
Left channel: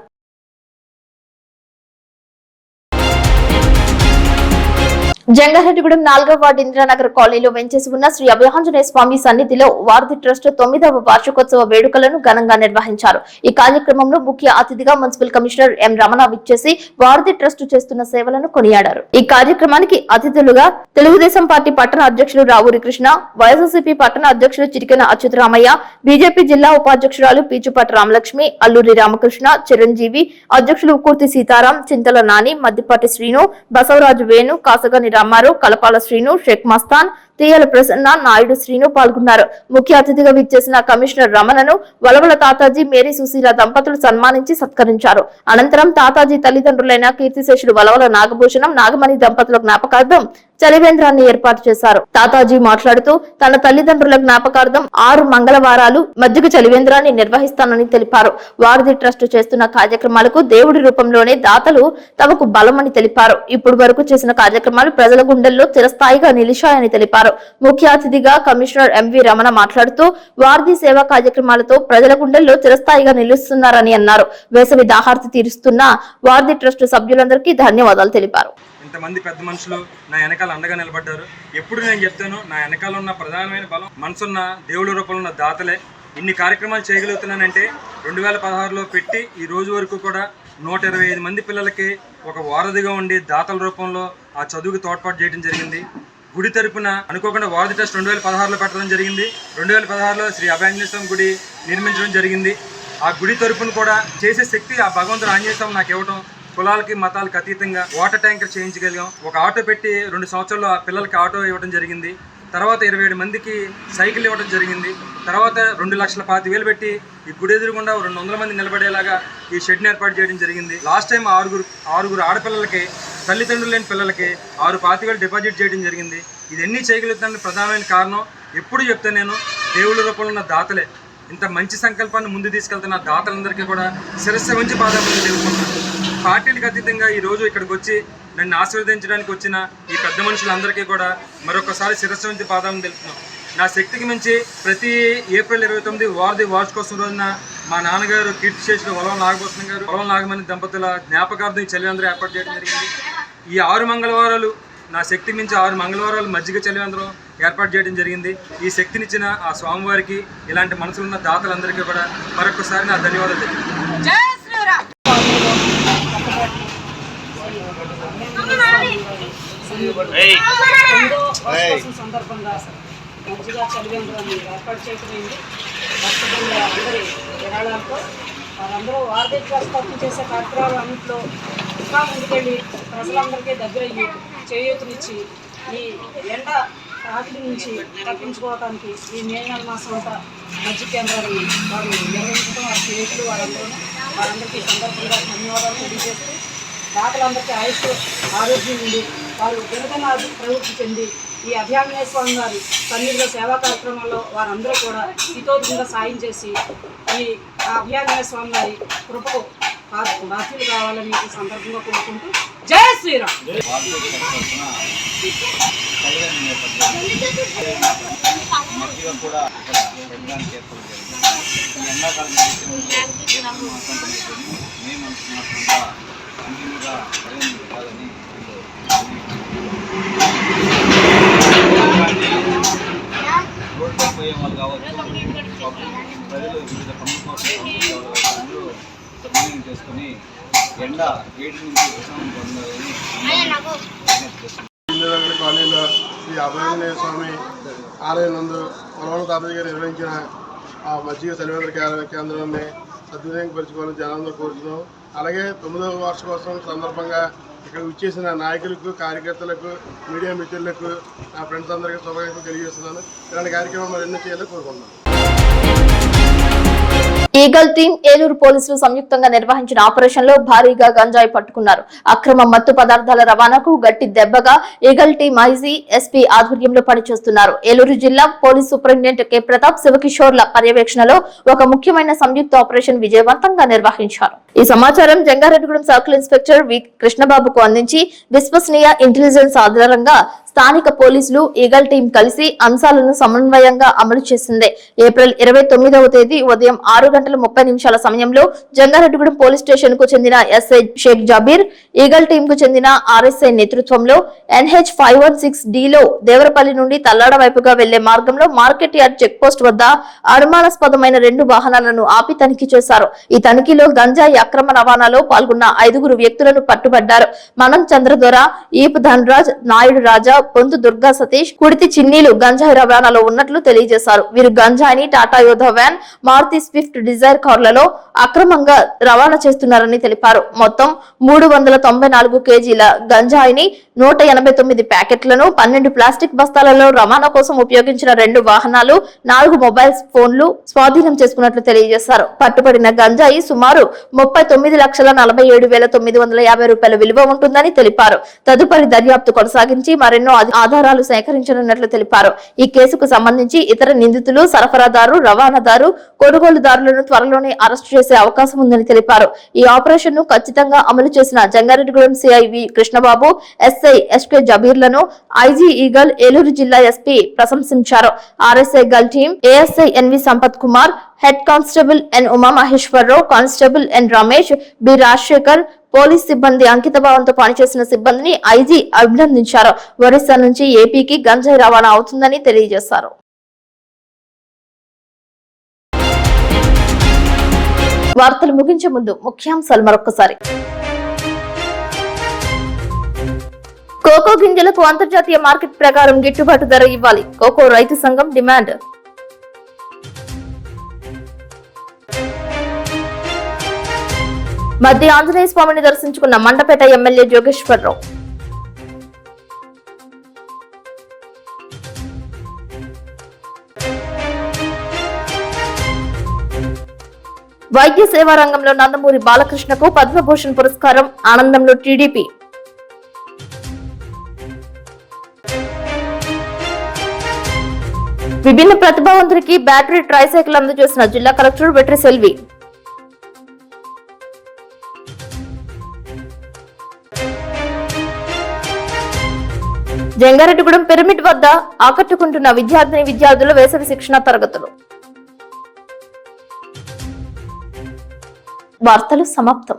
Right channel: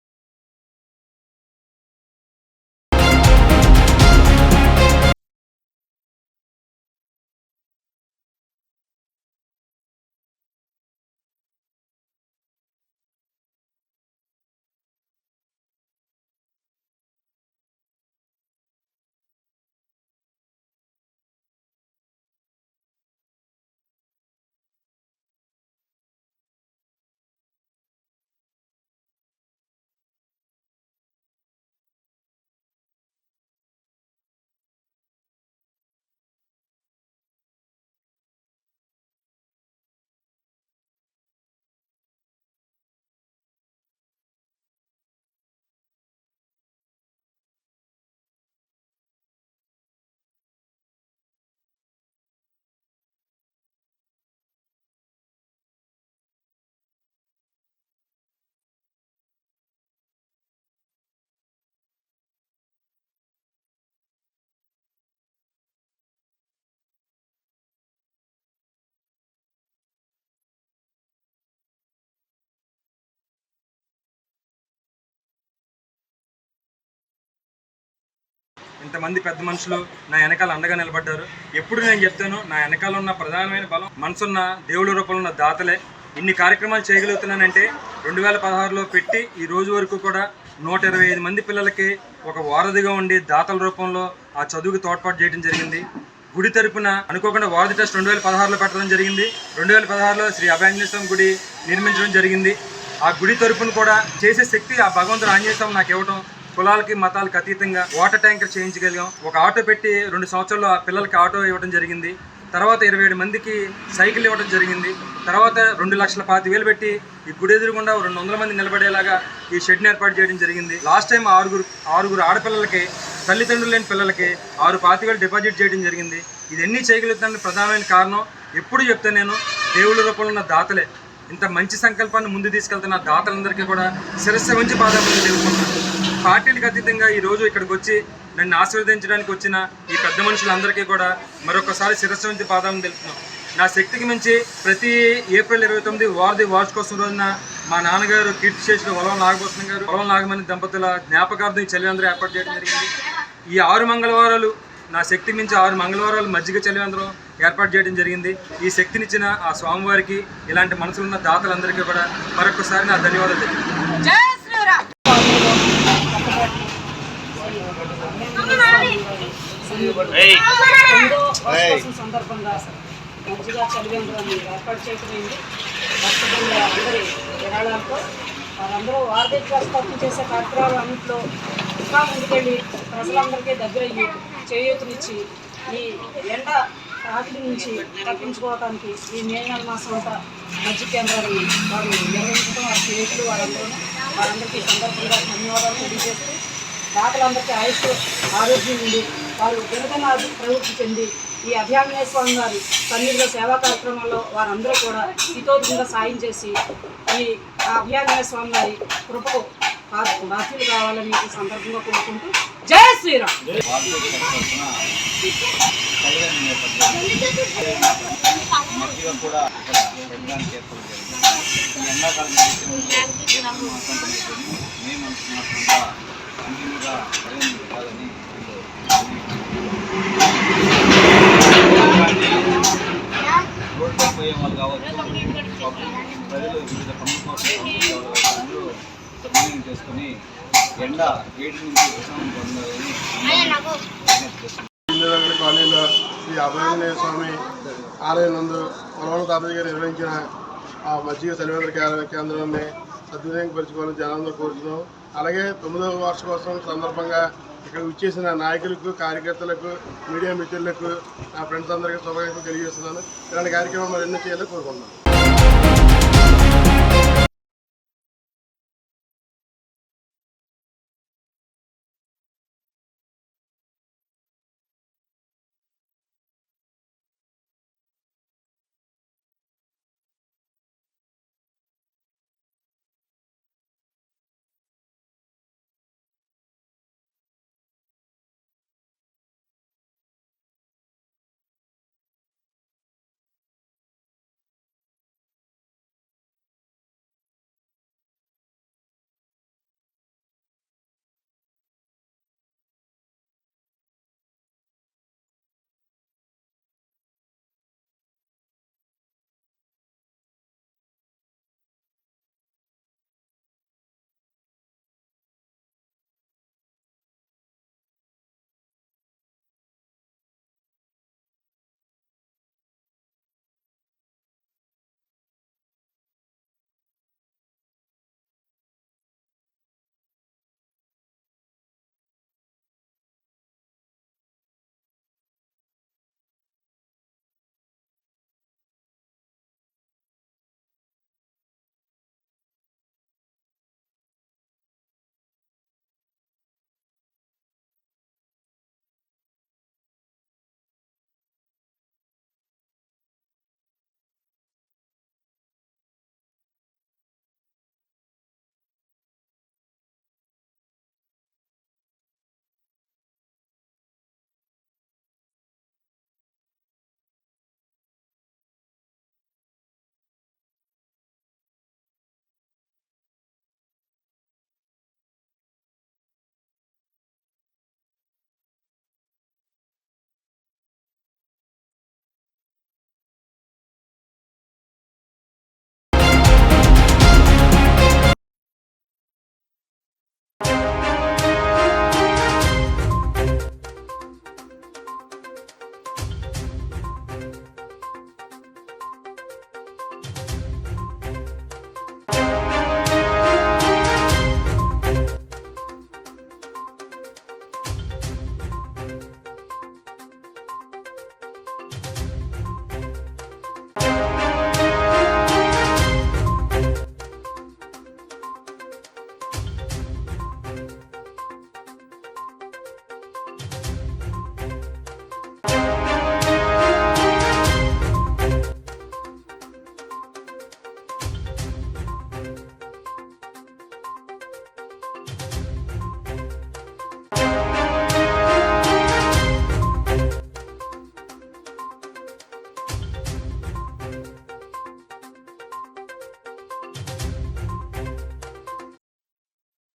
జంగారెడ్డిగూడెం 4వ వార్డు ఇంద్రానగర్ కాలనీలో వెంచేసి ఉన్న శ్రీ అభయాంజనేయ స్వామి సన్నిధిలో వారధి ట్రస్ట్ 9వ వార్షికోత్సవ వేడుకలను ఘనంగా నిర్వహించారు. ఈ కార్యక్రమంలో ముఖ్య అతిథిగా మున్సిపల్ కమిషనర్ ఎం రమణ విచ్చేసి వారధి ట్రస్ట్ చేస్తున్న సేవలను కొనియాడారు. ఈ కార్యక్రమానికి అతిథులుగా తెలుగుదేశం పార్టీ పట్టణ అధ్యక్షులు రావూరి కృష్ణ, వైఎస్ఆర్సీపీ పట్టణ అధ్యక్షులు చిటికెన అచ్యుతరామయ్య, బీజేపీ జిల్లా ఉపాధ్యక్షురాలు పీచుపాటి రామలక్ష్మి, అల్లూరి రామకృష్ణ, చిరంజీవి, అధ్యక్షులు కూర్తి సీతారాం, చింతల నాని, మద్దిపాటి శ్రీను, బసవరాజు వేణు, కాసగని రామారావు, కలపాల శ్రీను, షేక్ మస్తాన్, తీయల ప్రసన్న, నాయుడు శ్రీను పాల్గొన్నారు. ముఖ్య అతిథిగా విచ్చేసిన కమిషనర్ రమణను వలవల తాతాజీ, మేరీ సుశీల దంపతులు సన్మానించి సత్కరించారు. అనంతరం తాతాజీ తల్లిదండ్రులైన కీర్తిశేషుడు వలవల నాగభూషణం, నాగమణి దంపతుల జ్ఞాపకార్థం చలివేంద్రాన్ని ఏర్పాటు చేశారు. తాతాజీ మాట్లాడుతూ తన తల్లిదండ్రుల జ్ఞాపకార్థం 6 మంగళవారాలు మజ్జిగ చలివేంద్రాన్ని నిర్వహిస్తానని తెలిపారు. వారధి ట్రస్ట్ చేస్తున్న కార్యక్రమాలకు దేవుడి రూపంలోనే దాతలు తమకు బలమని తెలిపారు. ఇప్పుడు వరకు చేసిన కార్యక్రమాలు ప్రజల గుండెల్లో చిరస్థాయిగా నిలిచాయని తెలిపారు. ముఖ్య అతిథిగా కమిషనర్ ఎంవి రమణ మాట్లాడుతూ వారధి సేవా కార్యక్రమాలతో ప్రజల గుండెల్లో చిరస్థాయిగా నిలుస్తున్నారని అన్నారు. వేసవి దాహార్తి తీరుస్తున్న వారధి ట్రస్ట్ సభ్యులందరికీ ధన్యవాదాలు తెలిపారు. ఇంతమంది పెద్ద మనుషులు నా వెనకాల అండగా నిలబడ్డారు. ఎప్పుడు నేను చెప్తాను, నా వెనకాల ఉన్న ప్రధానమైన బలం మనసున్న దేవుడి రూపంలో ఉన్న దాతలే. ఇన్ని కార్యక్రమాలు చేయగలుగుతున్నానంటే 2016లో పెట్టి ఈ రోజు వరకు కూడా 125 మంది పిల్లలకి ఒక వారధిగా ఉండి దాతల రూపంలో ఆ చదువుకి తోడ్పాటు చేయడం జరిగింది. గుడి తరపున అనుకోకుండా వారధి ట్రస్ట్ 2016లో పెట్టడం జరిగింది. 2016లో శ్రీ అభయాంజనేయ స్వామి గుడి నిర్మించడం జరిగింది. ఆ గుడి తరపున కూడా చేసే శక్తి ఆ భగవంతుడు ఆంజనేయ స్వామి నాకు ఇవ్వడం, కులాలకి మతాలకు అతీతంగా వాటర్ ట్యాంకర్ చేయించగలిగాం. ఒక ఆటో పెట్టి 2 సంవత్సరాల్లో ఆ పిల్లలకి ఆటో ఇవ్వడం జరిగింది. తర్వాత 27 మందికి సైకిల్ ఇవ్వడం జరిగింది. తర్వాత 2,25,000 పెట్టి ఈ గుడి ఎదురుగుండా 200 మంది నిలబడేలాగా ఈ షెడ్ని ఏర్పాటు చేయడం జరిగింది. లాస్ట్ టైం ఆరుగురు ఆడపిల్లలకి, తల్లిదండ్రులు లేని పిల్లలకి 6,25,000 డిపాజిట్ చేయడం జరిగింది. ఇదన్నీ చేయగలుగుతానికి ప్రధానమైన కారణం ఎప్పుడు చెప్తాను నేను, దేవుళ్ళ రూపంలో ఉన్న దాతలే. ఇంత మంచి సంకల్పాన్ని ముందు తీసుకెళ్తున్న దాతలందరికీ కూడా శిరస్సు వంచి పాదాలు తెలుపుకుంటున్నాను. పార్టీలకు అతీతంగా ఈరోజు ఇక్కడికి వచ్చి నన్ను ఆశీర్వదించడానికి వచ్చిన ఈ పెద్ద మనుషులందరికీ కూడా మరొకసారి శిరస్సు వంచి పాదాలను తెలుపుతున్నాం. నా శక్తికి మించి ప్రతి ఏప్రిల్ 29 వారధి వార్షికోత్సవం రోజున మా నాన్నగారు కీర్తిశేషులు వలవ నాగభూషణం గారు, వలవ నాగమణి దంపతుల జ్ఞాపకార్థం ఈ చలివేంద్రం ఏర్పాటు చేయడం జరిగింది. ఈ 6 మంగళవారాలు నా శక్తి మించి 6 మంగళవారాలు మజ్జిగ చలివేంద్రం ఏర్పాటు చేయడం జరిగింది. ఈ శక్తినిచ్చిన ఆ స్వామివారికి, ఇలాంటి మనసులున్న దాతలందరికీ కూడా మరొకసారి నా ధన్యవాదాలు తెలియజేస్తున్నాను. సందర్భంగా మంచిగా చలివేంద్రాన్ని ఏర్పాటు చేయకపోయింది. అందరి విరాళాలతో వారందరూ వారధి ట్రస్ట్ చేసే కార్యక్రమాలు అన్నింటిలో ఇంకా ముందుకెళ్ళి ప్రజలందరికీ దగ్గరయ్యి చేయూతనిచ్చి ఈ ఎండ రాత్రి నుంచి తప్పించుకోవడానికి ఈ మే నెల మాసం అంతా మజ్జిగ కేంద్రాన్ని వారు నిర్వహించడం, వారి స్నేహితులు వారందరికీ సందర్భంగా ధన్యవాదాలు తెలియజేస్తూ దాతలందరికీ ఆయుష్ ఆరోగ్యం నుండి వారు దినదిన ప్రవృత్తి చెంది ఈ అభయాంజనేయ స్వామి వారి సన్నిధిలో సేవా కార్యక్రమాల్లో వారందరూ కూడా హితోధికంగా సాయం చేసి ఈ అభయాంజనేయ స్వామి వారి కృపకు బాధ్యులు కావాలని ఈ సందర్భంగా కోరుకుంటూ జై శ్రీరామ్. రోడ్డు పోయే వాళ్ళు కావచ్చు, ప్రజలు వివిధ పనుల అందరూ సమన్వయం చేసుకుని ఎండ వేడి నుంచి ఉపశమనం పొందాలని కాలనీలో శ్రీ అభయాంజనేయ స్వామి ఆలయం నందు వలవల తాతయ్య గారు నిర్వహించిన ఆ మజ్జిగ చలివేంద్ర కేంద్రాన్ని సద్వినియోగపరచుకోవాలని జనాలందరూ కోరుతున్నాం. అలాగే 9వ వార్షికోత్సవం సందర్భంగా ఇక్కడ విచ్చేసిన నాయకులకు, కార్యకర్తలకు, మీడియా మిత్రులకు, నా ఫ్రెండ్స్ అందరికీ శుభాకాంక్షలు తెలియజేస్తున్నాను. ఇలాంటి కార్యక్రమం మరెన్నో చేయాలని కోరుకుంటున్నాను. ఈగల్ టీం ఏలూరు పోలీసులు సంయుక్తంగా నిర్వహించిన ఆపరేషన్ లో భారీగా గంజాయి పట్టుకున్నారు. అక్రమ మత్తు పదార్థాల రవాణాకు గట్టి దెబ్బగా ఈగల్ టీం ఐజీ ఎస్పీ ఆధ్వర్యంలో పనిచేస్తున్నారు. ఏలూరు జిల్లా పోలీస్ సూపరింటెండెంట్ కె ప్రతాప్, శివకిషోర్ల పర్యవేక్షణలో ఒక ముఖ్యమైన సంయుక్త ఆపరేషన్ విజయవంతంగా నిర్వహించారు. ఈ సమాచారం జంగారెడ్డిగూడెం సర్కిల్ ఇన్స్పెక్టర్ వి కృష్ణబాబుకు అందించి విశ్వసనీయ ఇంటెలిజెన్స్ ఆధారంగా స్థానిక పోలీసులు ఈగల్ టీం కలిసి అంశాలను సమన్వయంగా అమలు చేసింది. ఏప్రిల్ 29వ తేదీ ఉదయం 6:30 సమయంలో జంగారెడ్డిగూడెం పోలీస్ స్టేషన్ కు చెందిన SI Shaik Jabir, eagle team కు చెందిన ఆర్ఎస్ఐ నేతృత్వంలో NH 516D లో దేవరపల్లి నుండి తల్లాడ వైపుగా వెళ్లే మార్గంలో మార్కెట్ యార్డ్ చెక్ పోస్ట్ వద్ద అనుమానాస్పదమైన 2 వాహనాలను ఆపి తనిఖీ చేశారు. ఈ తనిఖీలో గంజాయి అక్రమ రవాణాలో పాల్గొన్న 5 వ్యక్తులను పట్టుబడ్డారు. మనం చంద్రదొర, ఈపు ధనరాజ్, నాయుడు రాజా, పొంతు దుర్గా సతీష్, కుడితి చిన్నీలు గంజాయి రవాణాలో ఉన్నట్లు తెలియజేశారు. వీరు గంజాయిని టాటా యోధా వ్యాన్, మారుతి స్విఫ్ట్ డిజైర్ కార్లలో అక్రమంగా రవాణా చేస్తున్నారని తెలిపారు. మొత్తం 394 కేజీల గంజాయిని, 189 ప్యాకెట్లను, 12 ప్లాస్టిక్ బస్తాలలో రవాణా కోసం ఉపయోగించిన 2 వాహనాలు, 4 మొబైల్ ఫోన్లు స్వాధీనం చేసుకున్నట్లు తెలియజేశారు. పట్టుబడిన గంజాయి సుమారు 39,47,950 రూపాయల విలువ ఉంటుందని తెలిపారు. తదుపరి దర్యాప్తు కొనసాగించి మరెన్నో ఆధారాలు సేకరించనున్నట్లు తెలిపారు. ఈ కేసుకు సంబంధించి ఇతర నిందితులు, సరఫరాదారు, రవాణాదారు, కొనుగోలుదారులను త్వరలోనే అరెస్టు చేసే అవకాశం ఉందని తెలిపారు. ఈ ఆపరేషన్ ను ఖచ్చితంగా అమలు చేసిన Jangareddygudem CI V Krishnababu, SI SK జబీర్లను ఐజీ ఈగల్, ఏలూరు జిల్లా ఎస్పీ ప్రశంసించారు. ఆర్ఎస్ఐ గల్ team ASI NV Sampath Kumar, head constable N Umamaheswararao, constable N Ramesh, B Rajasekhar, police సిబ్బంది అంకితభావంతో పనిచేసిన సిబ్బందిని ఐజీ అభినందించారు. ఒరిస్సా నుంచి ఏపీకి గంజాయి రవాణా అవుతుందని తెలియజేశారు. వార్తలు ముగించే ముందు ముఖ్యాంశాలు మరొకసారి. కోకో గింజలకు అంతర్జాతీయ మార్కెట్ ప్రకారం గిట్టుబాటు ధర ఇవ్వాలి, కోకో రైతు సంఘం డిమాండ్. మధ్య ఆంజనేయ స్వామిని దర్శించుకున్న మండపేట ఎమ్మెల్యే జోగేశ్వరరావు. వైద్య సేవా రంగంలో నందమూరి బాలకృష్ణకు పద్మభూషణ్ పురస్కారం, ఆనందంలో టీడీపీ. విభిన్న ప్రతిభావంతుడికి బ్యాటరీ ట్రైసైకిల్ అందజేసిన జిల్లా కలెక్టర్ వెట్రి సెల్వి. జంగారెడ్డిగూడెం పిరమిడ్ వద్ద ఆకట్టుకుంటున్న విద్యార్థుల వేసవి శిక్షణ తరగతులు. వార్తలు సమాప్తం.